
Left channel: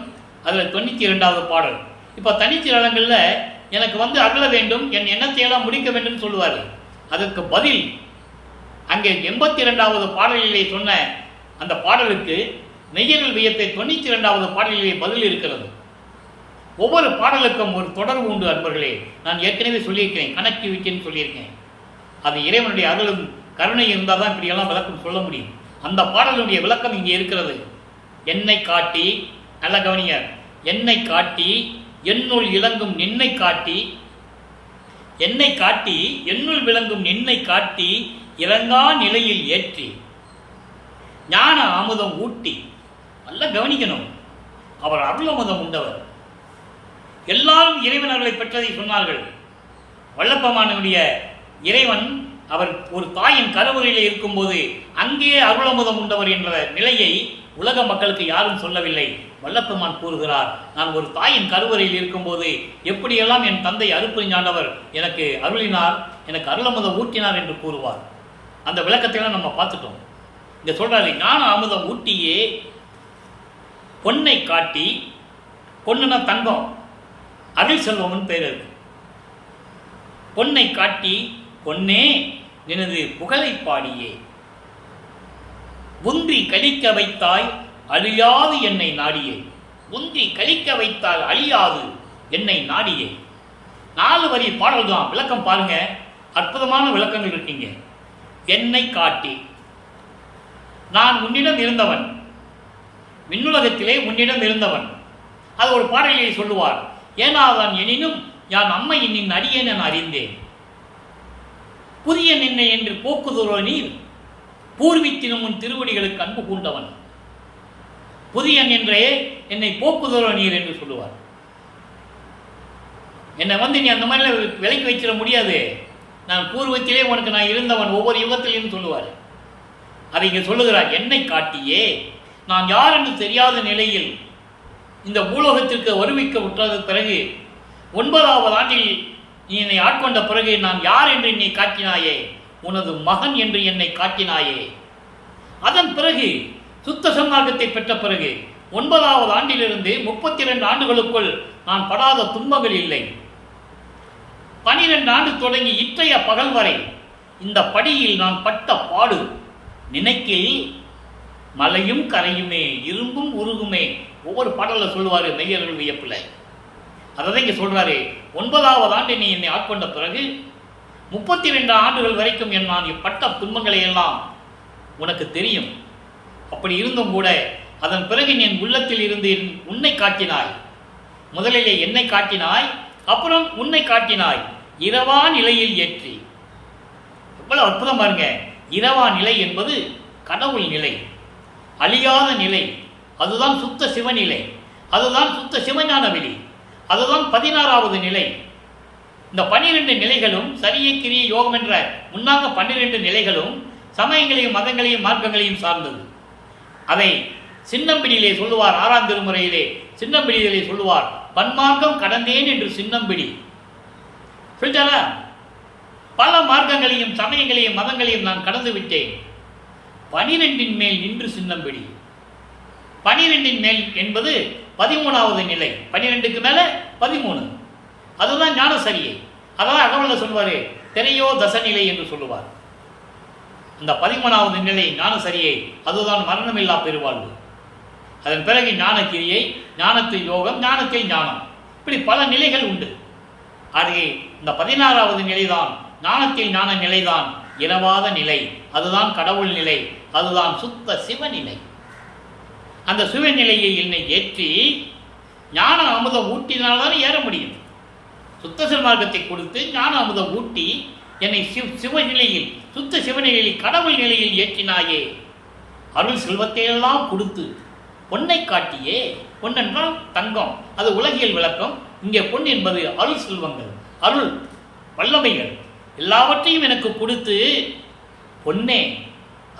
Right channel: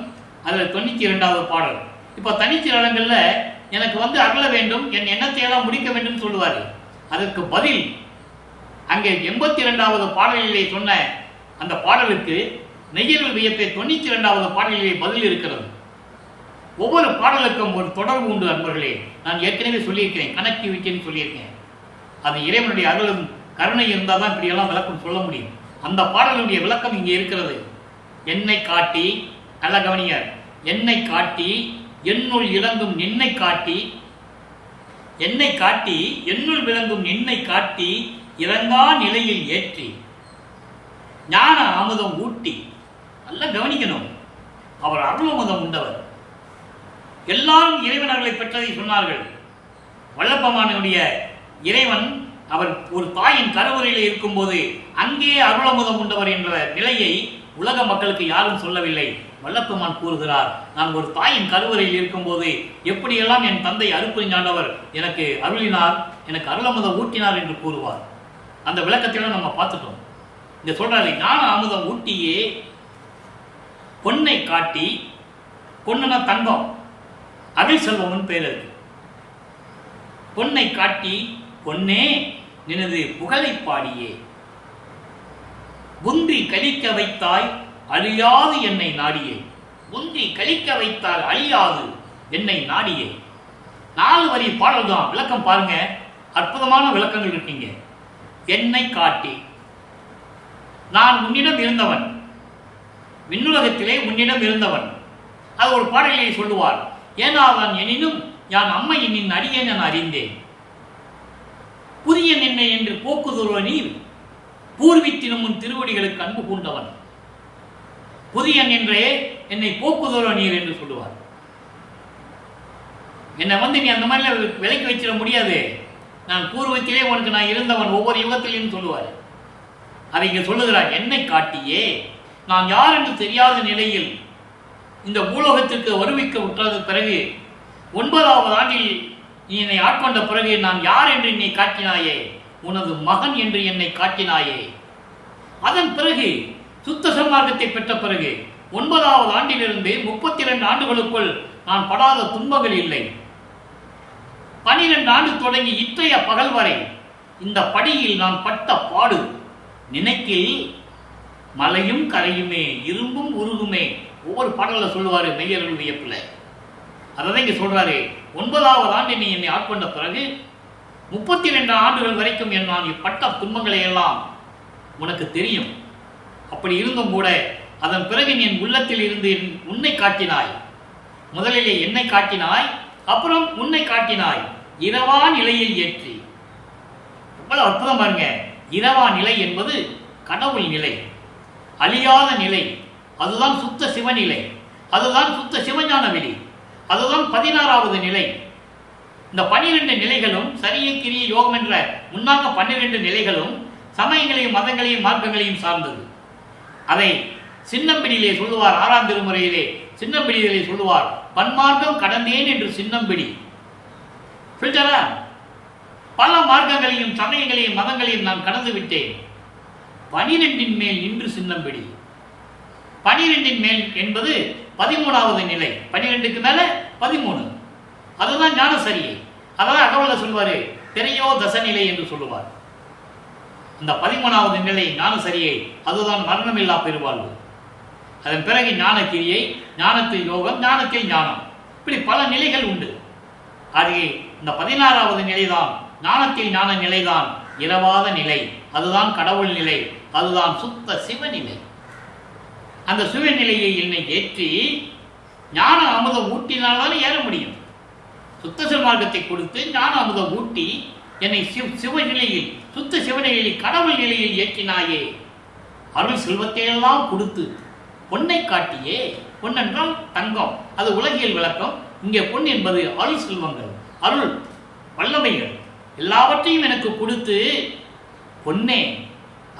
அதில் 92வது பாடல். இப்போ தனித்திரங்களில் எனக்கு அருள வேண்டும், என் எண்ணத்தையெல்லாம் முடிக்க வேண்டும் சொல்லுவார். அதற்கு பதில் அங்கே 82வது பாடலிலே சொன்ன அந்த பாடலுக்கு மெய்யருள் வியப்பை 92வது பாடலிலே பதில் இருக்கிறது. ஒவ்வொரு பாடலுக்கும் ஒரு தொடர்பு உண்டு அன்பர்களே. நான் ஏற்கனவே சொல்லியிருக்கிறேன், கனெக்டிவிட்டின்னு சொல்லியிருக்கேன். அது இறைவனுடைய அருளும் கருணை இருந்தால் தான் இப்படியெல்லாம் விளக்கம் சொல்ல முடியும். அந்த பாடலுடைய விளக்கம் இங்கே இருக்கிறது. என்னை காட்டி, நல்ல கவனிய, என்னை காட்டி என்னுள் இளங்கும் நின்னை காட்டி, என்னை காட்டி என்னுள் விளங்கும் நின்னை காட்டி, இறங்கா நிலையில் ஏற்றி ஞான அமுதம் ஊட்டி. நல்ல கவனிக்கணும், அவர் அருள் அமுதம் உண்டவர். எல்லாரும் இறைவன் அருளை பெற்றதை சொன்னார்கள். வல்லப்பமானுடைய இறைவன் அவர் ஒரு தாயின் கருவறையில் இருக்கும்போது அங்கே அருளமுதம் உண்டவர் என்ற நிலையை உலக மக்களுக்கு யாரும் சொல்லவில்லை. வல்லப்பெருமான் கூறுகிறார், நான் ஒரு தாயின் கருவறையில் இருக்கும்போது எப்படியெல்லாம் என் தந்தை அருட்பெருஞ்சாண்டவர் எனக்கு அருளினார், எனக்கு அருளமுதம் ஊட்டினார் என்று கூறுவார். அந்த விளக்கத்தையெல்லாம் நம்ம பார்த்துட்டோம். இங்க சொல்றாரு, ஞான அமுதம் ஊட்டியே பொன்னை காட்டி, பொண்ணுனா தங்கம், அருள் செல்வம்னு பேர் இருக்கு. பொன்னை காட்டி, பொன்னே நினது புகழை பாடியே, உந்தி கலிக்க வைத்தாய் அழியாது என்னை நாடியே. உந்தி கலிக்க வைத்தால் அழியாது என்னை நாடியே. 4 வரி பாடல் தான். விளக்கம் பாருங்க, அற்புதமான விளக்கங்கள் இருக்கீங்க. என்னை காட்டி, நான் உன்னிடம் இருந்தவன், விண்ணுலகத்திலே உன்னிடம் இருந்தவன். அது ஒரு பாடலிலே சொல்லுவார். ஏனாதான் எனினும் யான் அம்மை நின் அடியேன் என அறிந்தேன். புதிய நின்னை என்று போக்குதுரோ நீர், பூர்வித்தினும் உன் திருவடிகளுக்கு அன்பு பூண்டவன். புதியன் என்றே என்னை போக்குதுரோ நீர் என்று சொல்லுவார். என்னை நீ அந்த மாதிரிலாம் விலைக்கு வச்சிட முடியாது, நான் பூர்வத்திலே உனக்கு நான் இருந்தவன் ஒவ்வொரு யுகத்திலும் சொல்லுவார். அதை இங்கே சொல்லுகிறார். என்னை காட்டியே, நான் யார் என்று தெரியாத நிலையில் இந்த பூலோகத்திற்கு வருவிக்க விட்டது பிறகு 9வது ஆண்டில் நீ என்னை ஆட்கொண்ட பிறகு நான் யார் என்று என்னை காட்டினாயே, உனது மகன் என்று என்னை காட்டினாயே. அதன் பிறகு சுத்த சன்மார்க்கத்தை பெற்ற பிறகு 9வது ஆண்டிலிருந்து 32 ஆண்டுகளுக்குள் நான் படாத துன்பங்கள் இல்லை. 12 ஆண்டு தொடங்கி இற்றைய பகல் வரை இந்த படியில் நான் பட்ட பாடு நினைக்கில் மலையும் கரையுமே, இரும்பும் உருகுமே. ஒவ்வொரு பாடலில் சொல்லுவார் மெய்யருள் வியப்பில். அதை இங்கே சொல்றாரு. 9வது ஆண்டு நீ என்னை ஆட்கொண்ட பிறகு 32 ஆண்டுகள் வரைக்கும் நான் பட்ட துன்பங்களை எல்லாம் உனக்கு தெரியும். அப்படி இருந்தும் கூட அதன் பிறகு நீ என் உள்ளத்தில் இருந்து உன்னை காட்டினாய். முதலிலே என்னை காட்டினாய், அப்புறம் உன்னை காட்டினாய் இரவா நிலையில் ஏற்றி. எவ்வளவு அற்புதம் பாருங்க. இரவா நிலை என்பது கடவுள் நிலை, அழியாத நிலை. அதுதான் சுத்த சிவநிலை, அதுதான் சுத்த சிவஞான வெளி, அதுதான் 16வது நிலை. இந்த 12 நிலைகளும் சரியை கிரிய யோகம் என்ற முன்னாங்க 12 நிலைகளும் சமயங்களையும் மதங்களையும் மார்க்கங்களையும் சார்ந்தது. அதை சின்னம்பிடியிலே சொல்லுவார். 6ஆம் திருமுறையிலே சின்னம்பிடியிலே சொல்லுவார், பன்மார்க்கம் கடந்தேன் என்று சின்னம்பிடி சொல்லிட்டாரா? பல மார்க்கங்களையும் சமயங்களையும் மதங்களையும் நான் கடந்து விட்டேன். 12 மேல் நின்று சின்னம்பிடி. 12 மேல் என்பது 13வது நிலை. 12க்கு மேல 13, அதுதான் ஞான சரியை. அதான் அகவல்ல சொல்வாரு, திரையோ தசநிலை என்று சொல்லுவார். அந்த 13வது நிலை ஞான சரியை, அதுதான் மரணமில்லா பெருவாழ்வு. அதன் பிறகு ஞான கிரியை, ஞானத்தில் யோகம், ஞானத்தில் ஞானம், இப்படி பல நிலைகள் உண்டு. அது இந்த 16வது நிலைதான், ஞானத்தில் ஞான நிலைதான் இரவாத நிலை, அதுதான் கடவுள் நிலை, அதுதான் சுத்த சிவநிலை. அந்த சிவநிலையை என்னை ஏற்றி ஞான அமுதம் ஊட்டினால்தான் ஏற முடியும். சுத்த சிவமார்க்கத்தை கொடுத்து ஞான அமுதம் ஊட்டி என்னை சிவநிலையில், சுத்த சிவநிலையில், கடவுள் நிலையில் ஏற்றினாயே. அருள் செல்வத்தையெல்லாம் கொடுத்து பொன்னை காட்டியே. பொன் என்றால் தங்கம், அது உலகியல் விளக்கம். இங்கே பொன் என்பது அருள் செல்வங்கள், அருள் வல்லமைகள் எல்லாவற்றையும் எனக்கு கொடுத்து, பொன்னே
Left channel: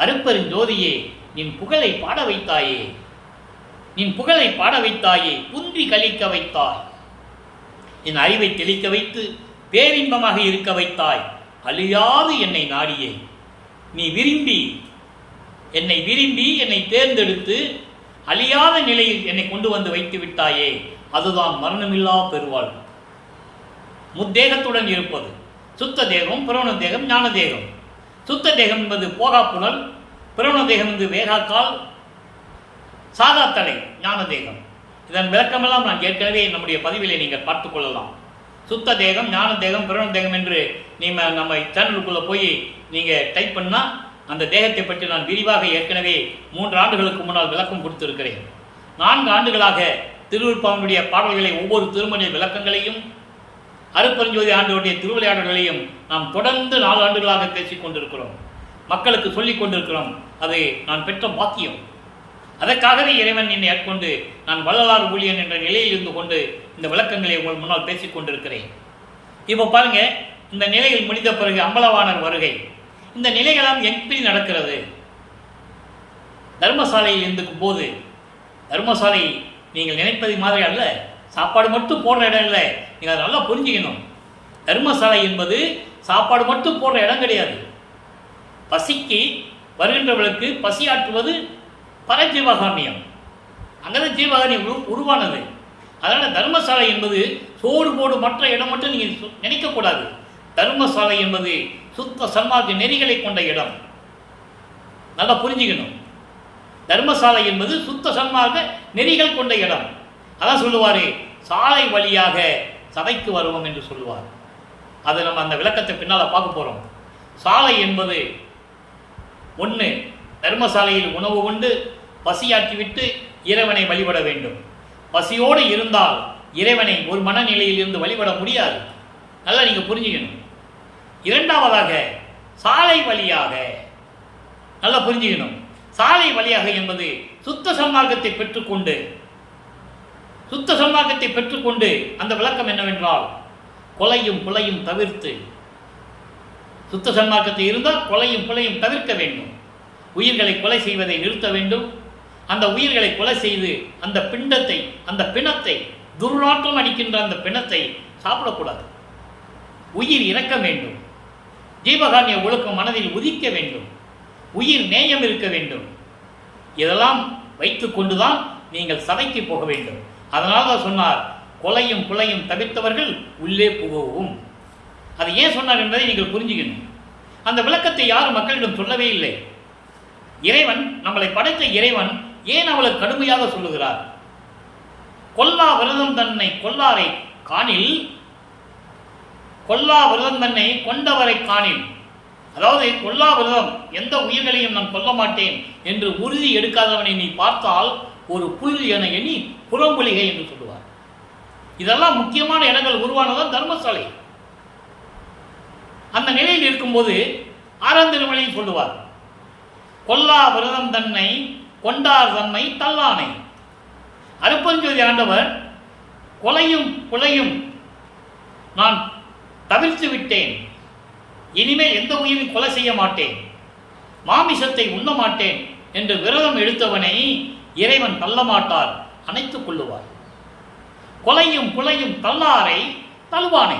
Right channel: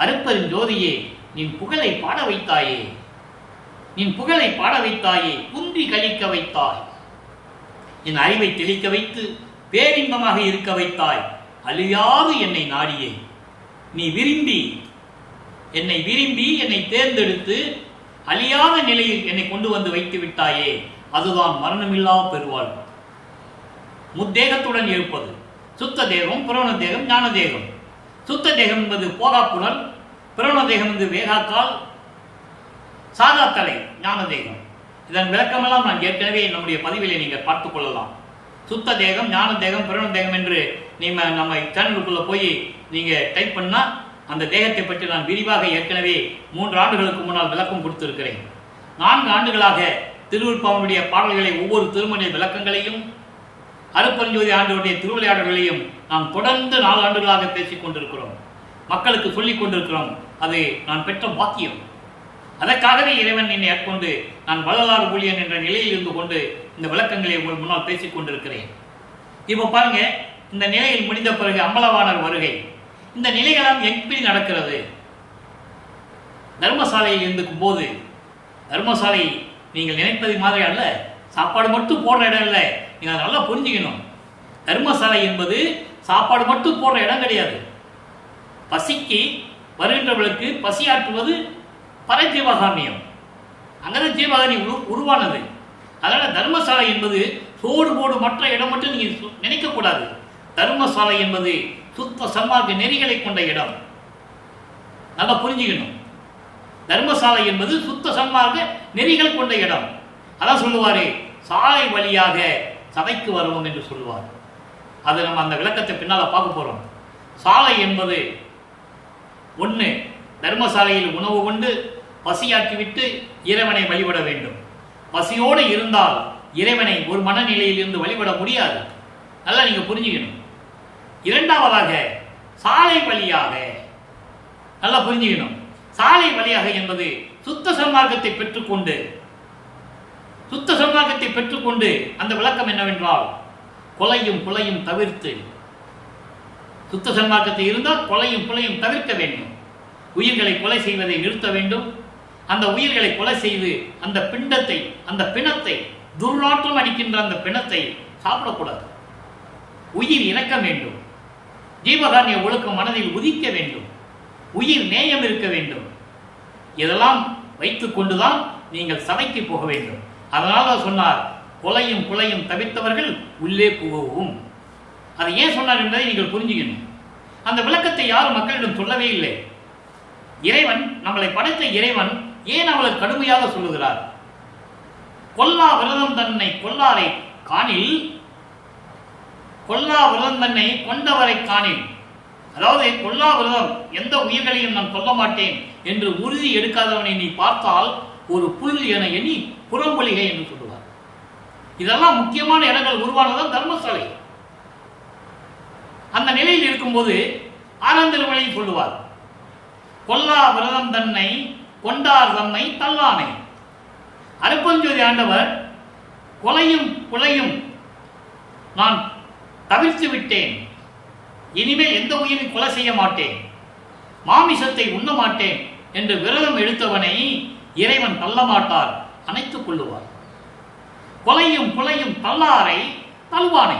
அருப்பெருஞ்சோதியே நின் புகழை பாட வைத்தாயே, நின் புகழை பாட வைத்தாயே, குன்றி கழிக்க வைத்தாய், என் அறிவை தெளிக்க வைத்து பேரின்பமாக இருக்க வைத்தாய், அழியாது என்னை நாடியே. நீ விரும்பி என்னை தேர்ந்தெடுத்து அழியாத நிலையில் என்னை கொண்டு வந்து வைத்து விட்டாயே. அதுதான் மரணமில்லா பெருவாழ்வு. முத்தேகத்துடன் இருப்பது சுத்த தேகம், புரோண தேகம், ஞான தேகம். சுத்த தேகம் என்பது போகா புனல், புரோண தேகம் என்பது வேகாக்கால், சாகாத்தலை ஞான தேகம். இதன் விளக்கமெல்லாம் நான் ஏற்கனவே நம்முடைய பதிவிலே நீங்கள் பார்த்துக் கொள்ளலாம். சுத்த தேகம், ஞான தேகம், புரோண தேகம் என்று நம்ம சேனலுக்குள்ளே போய் நீங்கள் டைப் பண்ணால் அந்த தேகத்தை பற்றி நான் விரிவாக ஏற்கனவே 3 ஆண்டுகளுக்கு முன்னால் விளக்கம் கொடுத்திருக்கிறேன். 4 ஆண்டுகளாக திருவிற்பாவனுடைய பாடல்களை, ஒவ்வொரு திருமண விளக்கங்களையும், அருப்பெருஞ்சோதி ஆண்டவருடைய திருவிளையாடல்களையும் நாம் தொடர்ந்து 4 ஆண்டுகளாக பேசிக் கொண்டிருக்கிறோம், மக்களுக்கு சொல்லிக் கொண்டிருக்கிறோம். அது நான் பெற்ற பாக்கியம். அதற்காகவே இறைவன் என்னை ஏற்கொண்டு நான் வள்ளலார் ஊழியன் என்ற நிலையில் இருந்து கொண்டு இந்த விளக்கங்களை உங்கள் முன்னால் பேசிக் கொண்டிருக்கிறேன். இப்போ பாருங்க, இந்த நிலையில் முடிந்த பிறகு அம்பலவாணர் வருகை. இந்த நிலைகளாம் எப்படி நடக்கிறது? தர்மசாலையில் இருக்கும் போது, தர்மசாலை நீங்கள் நினைப்பது மாதிரி அல்ல, சாப்பாடு மட்டும் போடுற இடம் இல்லை. நீங்கள் அதை நல்லா புரிஞ்சுக்கணும். தர்மசாலை என்பது சாப்பாடு மட்டும் போடுற இடம் கிடையாது. பசிக்கு வருகின்றவர்களுக்கு பசியாற்றுவது பரஜீவகாரணியம். அங்கதான் ஜீவகாரணியம் உருவானது. அதனால் தர்மசாலை என்பது சோடு போடு மற்ற இடம் மட்டும் நீங்கள் நினைக்கக்கூடாது. தர்மசாலை என்பது சுத்த சன்மார்க்க நெறிகளை கொண்ட இடம். நல்லா புரிஞ்சுக்கணும். தர்மசாலை என்பது சுத்த சன்மார்க்க நெறிகள் கொண்ட இடம். அதான் சொல்லுவார், சாலை வழியாக சபைக்கு வருவோம் என்று சொல்லுவார். அதை நம்ம அந்த விளக்கத்தை பின்னால் பார்க்க போகிறோம். சாலை என்பது ஒன்று, தர்மசாலையில் உணவு உண்டு பசியாற்றிவிட்டு இறைவனை வழிபட வேண்டும். பசியோடு இருந்தால் இறைவனை ஒரு மனநிலையில் இருந்து வழிபட முடியாது. நல்லா நீங்கள் புரிஞ்சுக்கணும். இரண்டாவதாக சாலை வழியாக, நல்லா புரிஞ்சுக்கணும். சாலை வழியாக என்பது சுத்த சன்மார்க்கத்தை பெற்றுக்கொண்டு அந்த விளக்கம் என்னவென்றால், கொலையும் புலையும் தவிர்த்து, சுத்த சன்மார்க்கத்தை இருந்தால் கொலையும் புலையும் தவிர்க்க வேண்டும். உயிர்களை கொலை செய்வதை நிறுத்த வேண்டும். அந்த உயிர்களை கொலை செய்து அந்த பிண்டத்தை, அந்த பிணத்தை, துர்நாற்றம் அடிக்கின்ற அந்த பிணத்தை சாப்பிடக்கூடாது. உயிர் இறக்க வேண்டும். ஜீவகாரணிய ஒழுக்கம் மனதில் உதிக்க வேண்டும். உயிர் நேயம் இருக்க வேண்டும். இதெல்லாம் வைத்து கொண்டுதான் நீங்கள் சபைக்கு போக வேண்டும். அதனால தான் சொன்னார், கொலையும் குலையும் தவிர்த்தவர்கள் உள்ளே புகவும். அது ஏன் சொன்னார் என்பதை நீங்கள் புரிஞ்சுக்கணும். அந்த விளக்கத்தை யாரும் மக்களிடம் சொல்லவே இல்லை. இறைவன், நம்மளை படைத்த இறைவன் ஏன் அவளுக்கு கடுமையாக சொல்லுகிறார்? கொல்லா விரதம் தன்னை கொல்லாரை காணில், கொல்லா விரதம் தன்னை கொண்டவரை காணில். அதாவது கொல்லா விரதம், எந்த உயிர்களையும் நான் கொல்ல மாட்டேன் என்று உறுதி எடுக்காதவனை நீ பார்த்தால் ஒரு புல் என எண்ணி புறம்பொலிகை என்று சொல்லுவார். இதெல்லாம் முக்கியமான இடங்கள் உருவானதான் தர்மசாலை. அந்த நிலையில் இருக்கும்போது ஆறாம் திருமலை சொல்லுவார், கொல்லா விரதம் தன்னை கொண்டார் தம்மை தல்லானை. அருப்பஞ்சோதி ஆண்டவர் கொலையும் புலையும் நான் தவிர்த்து விட்டேன், இனிமேல் எந்த உயிரையும் கொலை செய்ய மாட்டேன், மாமிசத்தை உண்ண மாட்டேன் என்று விரதம் எடுத்தவனை இறைவன் தள்ளமாட்டார், அணைத்துக் கொள்ளுவார். கொலையும் புலையும் தள்ளாரை தல்வானை.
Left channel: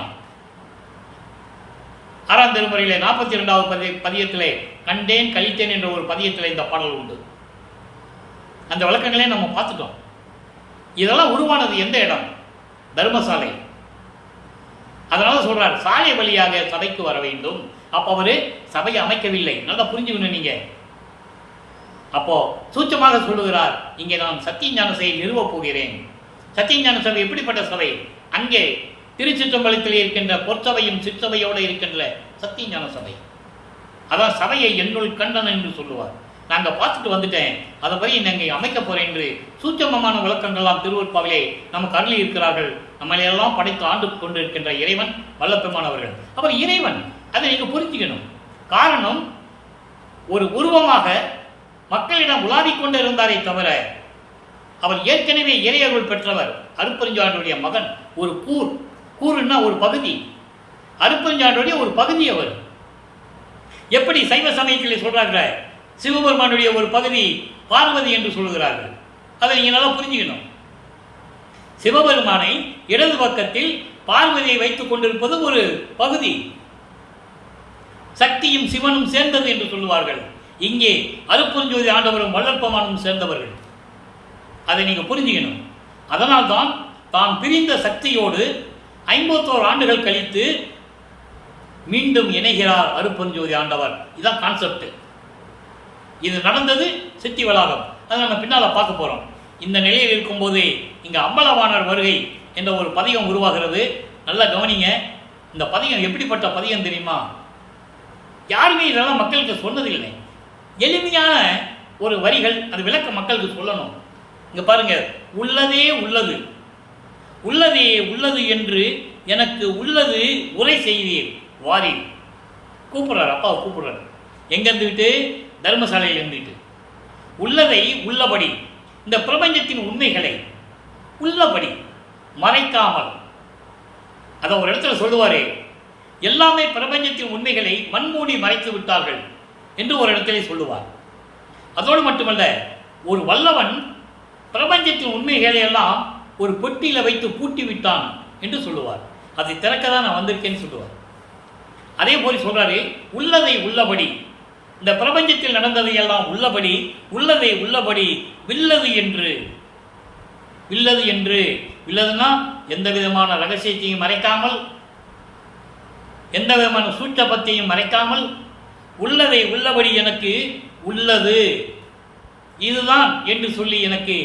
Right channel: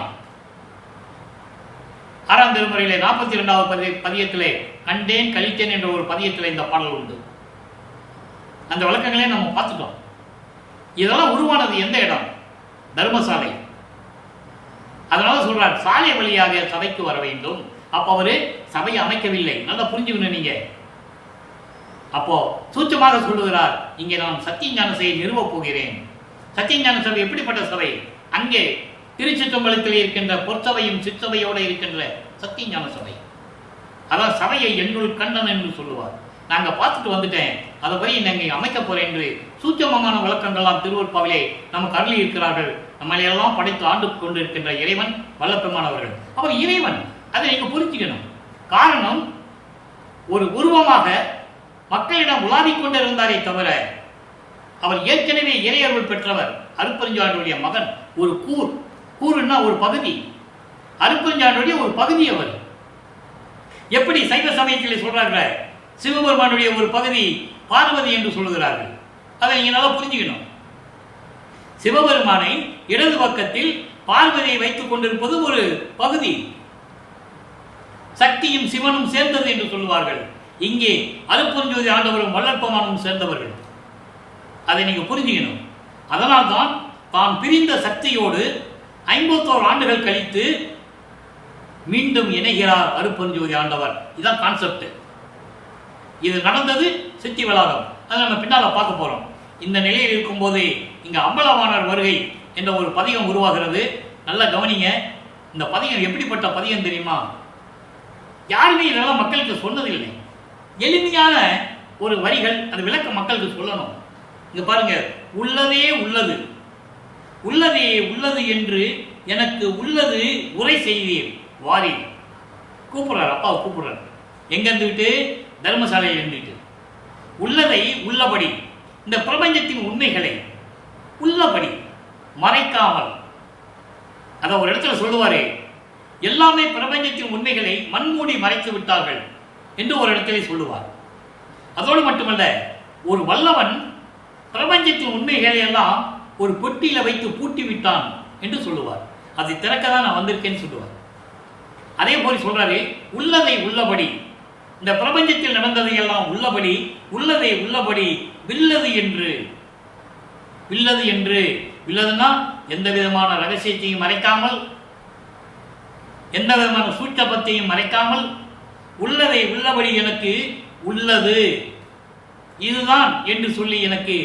ஆறாம் திருமுறையிலே 42வது பதியத்திலே கண்டேன் கழித்தேன் என்ற ஒரு பதியத்தில் இந்த பாடல் உண்டு. அந்த விளக்கங்களே நம்ம பார்த்துட்டோம். இதெல்லாம் உருவானது எந்த இடம்? தர்மசாலை. அதனால சொல்றார், சாலை வழியாக சபைக்கு வர வேண்டும். அப்போ அவரு சபையை அமைக்கவில்லை. நல்லா புரிஞ்சுக்கணும் நீங்க. அப்போ சூட்சமாக சொல்லுகிறார், இங்கே நான் சத்தியஞான சபையை நிறுவப் போகிறேன். சத்தியஞான சபை எப்படிப்பட்ட சபை? அங்கே திருச்சிற்றம்பலத்தில் இருக்கின்ற பொற்சபையும் சிற்றபையோடு இருக்கின்ற சத்தியஞான சபை. அதான் சபையை என்னுள் கண்டன் என்று சொல்லுவார். நாங்கள் பார்த்துட்டு வந்துட்டேன், அதை போய் நாங்கள் அமைக்க போறேன் என்று சூட்சமமான விளக்கங்கள்லாம் திருவருட்பாவிலே நமக்கு அருளி இருக்கிறார்கள். நம்மளையெல்லாம் படைத்து ஆண்டு கொண்டு இருக்கின்ற இறைவன் வல்லப்பெருமானவர்கள். அவர் இறைவன், அதை நீங்கள் புரிஞ்சுக்கணும். காரணம், ஒரு உருவமாக மக்களிடம் உலாவிக் கொண்டு இருந்தாரே தவிர அவர் ஏற்கனவே இறையருள் பெற்றவர். அருட்பெருஞ்சாண்டோடைய மகன். ஒரு கூறுன்னா ஒரு பகுதி. அருட்பெருஞ்சாண்டோடைய ஒரு பகுதி அவர். எப்படி சைவ சமயத்தில் சொல்றார்கள், சிவபெருமானுடைய ஒரு பகுதி பார்வதி என்று சொல்லுகிறார்கள். அதை நீங்க நல்லா புரிஞ்சுக்கணும். சிவபெருமானை இடது பக்கத்தில் பார்வதியை வைத்துக் கொண்டிருப்பது ஒரு பகுதி. சக்தியும் சிவனும் சேர்ந்தது என்று சொல்லுவார்கள். இங்கே அருட்பெருஞ்சோதி ஆண்டவரும் வள்ளற்பெருமானும் சேர்ந்தவர்கள். அதை நீங்க புரிஞ்சுக்கணும். அதனால்தான் தான் பிரிந்த சக்தியோடு 51 ஆண்டுகள் கழித்து மீண்டும் இணைகிறார் அருட்பெருஞ்சோதி ஆண்டவர். இதுதான் கான்செப்ட். இது நடந்தது சித்தி வளாகம். அதை நம்ம பின்னால பார்க்க போறோம். இந்த நிலையில் இருக்கும்போது இங்க அம்பலவாணர் வருகை என்ற ஒரு பதிகம் உருவாகிறது. நல்லா கவனிங்க. இந்த பதிகம் எப்படிப்பட்ட பதிகம் தெரியுமா? யாருமே இதெல்லாம் மக்களுக்கு சொன்னதில்லை. எளிமையான ஒரு வரிகள், அது விளக்க மக்களுக்கு சொல்லணும். இங்க பாருங்க, உள்ளதே உள்ளது, உள்ளதே உள்ளது என்று எனக்கு உள்ளது உரை செய்தீர் வாரி. கூப்பிடுறார், அப்பாவை கூப்பிடுறார். எங்க இருந்துகிட்டு? தர்மசாலையில் இருந்துட்டு. உள்ளதை உள்ளபடி, இந்த பிரபஞ்சத்தின் உண்மைகளை உள்ளபடி மறைக்காமல். அதை ஒரு இடத்துல சொல்லுவாரே, எல்லாமே பிரபஞ்சத்தின் உண்மைகளை மண்மூடி மறைத்து விட்டார்கள் என்று ஒரு இடத்திலே சொல்லுவார். அதோடு மட்டுமல்ல, ஒரு வல்லவன் பிரபஞ்சத்தின் உண்மைகளை எல்லாம் ஒரு பொட்டியில வைத்து பூட்டி விட்டான் என்று சொல்லுவார். அதை திறக்க தான் நான் வந்திருக்கேன்னு சொல்லுவார். அதே போல சொல்றாரு, உள்ளதை உள்ளபடி, இந்த பிரபஞ்சத்தில் நடந்ததை எல்லாம் உள்ளபடி, உள்ளதை உள்ளபடி வில்லது என்று. வில்லது என்று, வில்லதுன்னா எந்த விதமான ரகசியத்தையும் மறைக்காமல், எந்த விதமான சூட்சபத்தையும் மறைக்காமல், உள்ளதை உள்ளபடி எனக்கு உள்ளது இதுதான் என்று சொல்லி எனக்கு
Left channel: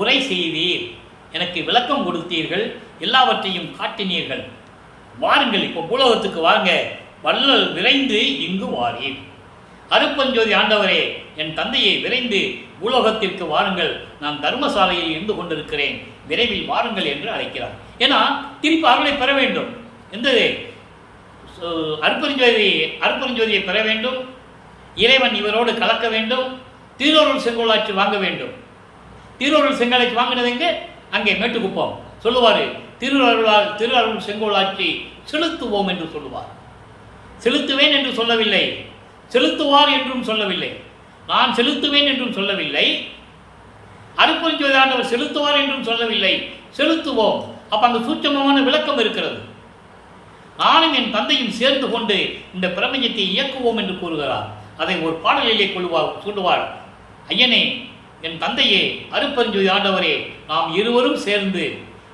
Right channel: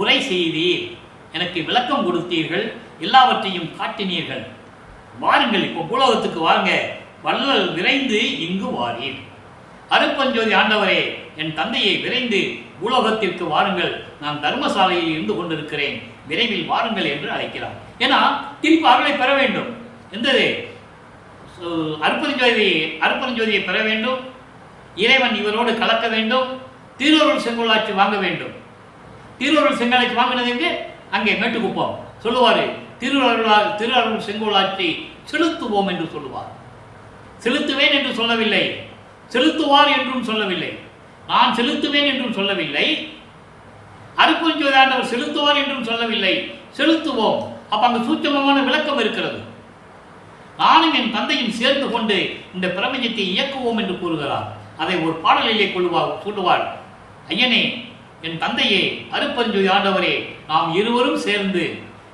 உரை செய்தீர், எனக்கு விளக்கம் கொடுத்தீர்கள், எல்லாவற்றையும் காட்டினீர்கள். வாருங்கள், இப்போ பூலோகத்துக்கு வாருங்க, வள்ளல் விரைந்து இங்கு வாரீர். அருட்பெருஞ்சோதி ஆண்டவரே, என் தந்தையை விரைந்து பூலோகத்திற்கு வாருங்கள், நான் தர்மசாலையில் இருந்து கொண்டிருக்கிறேன், விரைவில் வாருங்கள் என்று அழைக்கிறார். ஏன்னா திருப்பி அவர்களை பெற வேண்டும். எந்தது? அருட்பெருஞ்சோதியை பெற வேண்டும். இறைவன் இவரோடு கலக்க வேண்டும். திருவருள் செங்கோலாட்சி வாங்க வேண்டும். திருவருள் செங்கோலாட்சி வாங்கினது எங்கே? அங்கே மேட்டுக்குப்பம். சொல்லுவார், திருஅருள் செங்கோலாட்சி செலுத்துவோம் என்று சொல்லுவார். செலுத்துவேன் என்று சொல்லவில்லை, செலுத்துவார் என்றும் சொல்லவில்லை, நான் செலுத்துவேன் என்றும் சொல்லவில்லை, அருட்பெருஞ்சோதி ஆண்டவர் செலுத்துவார் என்றும் சொல்லவில்லை, செலுத்துவோம். அப்ப அங்கு சூட்சமமான விளக்கம் இருக்கிறது. நானும் என் தந்தையும் சேர்ந்து கொண்டு இந்த பிரபஞ்சத்தை இயக்குவோம் என்று கூறுகிறார். அதை ஒரு பாடலிலே சொல்லுவார். ஐயனே, என் தந்தையே, அருட்பெருஞ்சோதி ஆண்டவரே, நாம் இருவரும் சேர்ந்து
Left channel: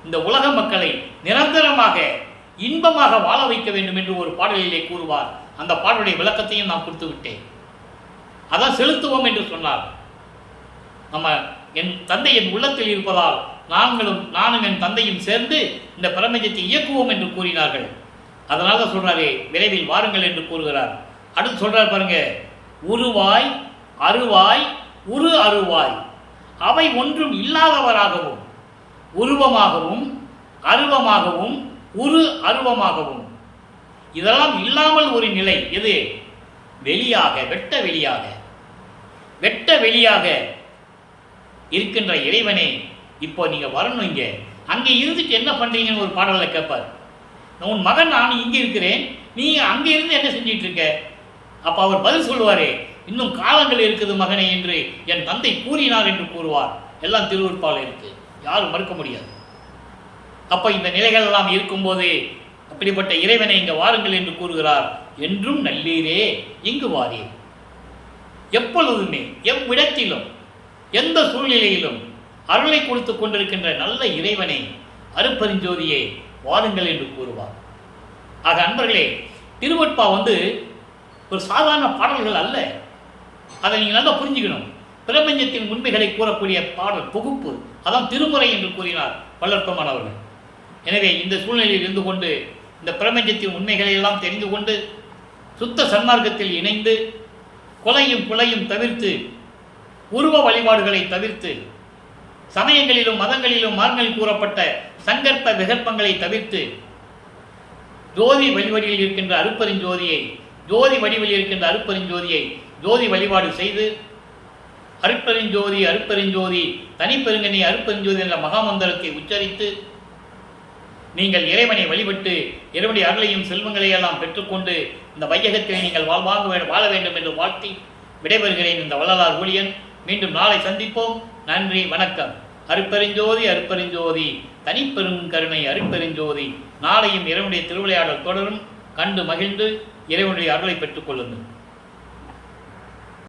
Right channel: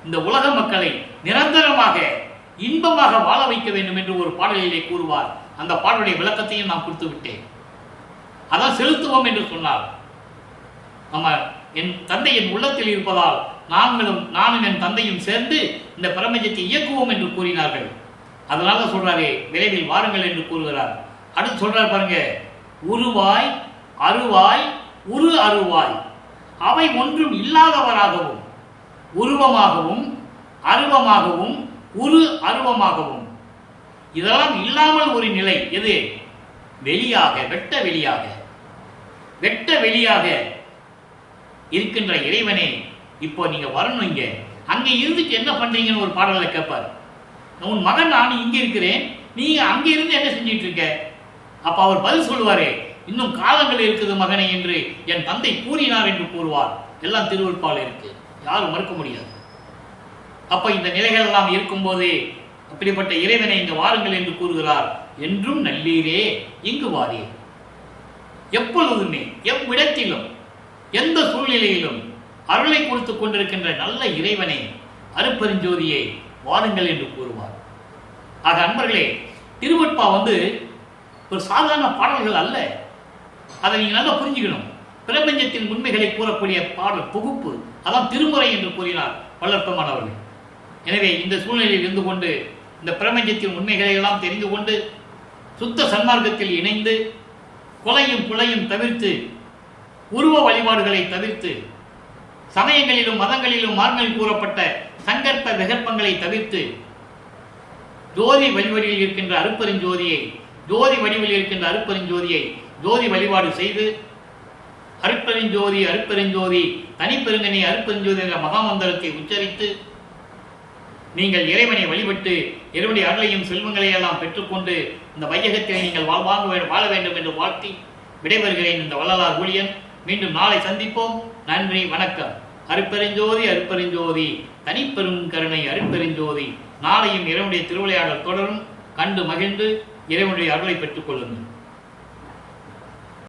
இந்த உலக மக்களை நிரந்தரமாக இன்பமாக வாழ வைக்க வேண்டும் என்று ஒரு பாடலிலே கூறுவார். அந்த பாடலுடைய விளக்கத்தையும் நான் கொடுத்து விட்டேன். அதான் செலுத்துவோம் என்று சொன்னார். நம்ம என் தந்தை என் உள்ளத்தில் இருப்பதால் நானும் என் தந்தையும் சேர்ந்து இந்த பிரபஞ்சத்தை இயக்குவோம் என்று கூறினார்கள். அதனால சொல்றாரே, விரைவில் வாருங்கள் என்று கூறுகிறார். அடுத்து சொல்றார் பாருங்க, உருவாய் அருவாய் உரு அருவாய் அவை ஒன்றும் இல்லாதவராகவும் உருவமாகவும் அருவமாகவும் உரு அருவமாகவும் இதெல்லாம் இல்லாமல் ஒரு நிலை எது? வெளியாக, வெட்ட வெளியாக, வெட்ட வெளியாக இருக்கின்ற இறைவனே இப்போ நீங்க வரணும். இங்க அங்கே இருந்துட்டு என்ன பண்றீங்கன்னு ஒரு பாடல்ல கேட்பார். உன் மகன் நான் இங்கே இருக்கிறேன், நீ அங்கே இருந்து என்ன செஞ்சிட்டு இருக்க? அப்ப அவர் பதில் சொல்லுவாரே, இன்னும் காலங்கள் இருக்குது மகனே என்று என் தந்தை கூறினார் என்று கூறுவார். எல்லாம் திருவருட்பால் இருக்கு, யாரும் மறுக்க முடியாது. அப்ப இந்த நிலைகள் எல்லாம் இருக்கும்போது அப்படிப்பட்ட இறைவனை இங்க வாருங்கள் என்று கூறுகிறார். என்றும் நல்லீரே இங்கு வாரீர். எப்பொழுதுமே எவ்விடத்திலும் எந்த சூழ்நிலையிலும் அருளை கொடுத்து கொண்டிருக்கின்ற நல்ல இறைவனை, அருட்பெருஞ்சோதியை வாருங்கள் என்று கூறுவார். ஆக அன்பர்களே, திருவருட்பா ஒரு சாதாரண பாடல்கள் அல்ல. அதை நீங்கள் நல்லா புரிஞ்சுக்கணும். பிரபஞ்சத்தின் உண்மைகளை கூறக்கூடிய பாடல் தொகுப்பு, அதான் திருமுறை என்று கூறினார் வள்ளற்பெருமான் அவர்கள். எனவே இந்த சூழ்நிலையில் இருந்து கொண்டு இந்த பிரபஞ்சத்தின் உண்மைகளை எல்லாம் தெரிந்து கொண்டு சுத்த சன்மார்க்கத்தில் இணைந்து கொலையும் புலையும் தவிர்த்து, உருவ வழிபாடுகளை தவிர்த்து, சமயங்களிலும் மதங்களிலும் மார்களில் கூறப்பட்ட சங்கற்ப விகற்பங்களை தவிர்த்து, ஜோதி வழிவடியில் இருக்கின்ற அருட்பெருஞ்சோதியை, ஜோதி வடிவில் இருக்கின்ற அருட்பெருஞ்சோதியை ஜோதி வழிபாடு செய்து, அருட்பெருஞ்சோதி அருட்பெருஞ்சோதி தனிப்பெருங்கனி அருட்பெருஞ்சோதி என்ற மகாமந்திரத்தை உச்சரித்து நீங்கள் இறைவனை வழிபட்டு இறைவனுடைய அருளையும் செல்வங்களையும் எல்லாம் பெற்றுக்கொண்டு இந்த வையகத்திலே நீங்கள் வாழ வேண்டும் என்று வாழ்த்தி விடைபெறுகிறேன். இந்த வள்ளலார் ஊழியன். மீண்டும் நாளை சந்திப்போம். நன்றி, வணக்கம். அருட்பெருஞ்சோதி அருட்பெருஞ்சோதி தனிப்பெரும் கருணை அருட்பெருஞ்சோதி. நாளையும் இறைவனுடைய திருவிளையாடல் தொடரும். கண்டு மகிழ்ந்து இறைவனுடைய அருளை பெற்றுக் கொள்ளுங்கள்.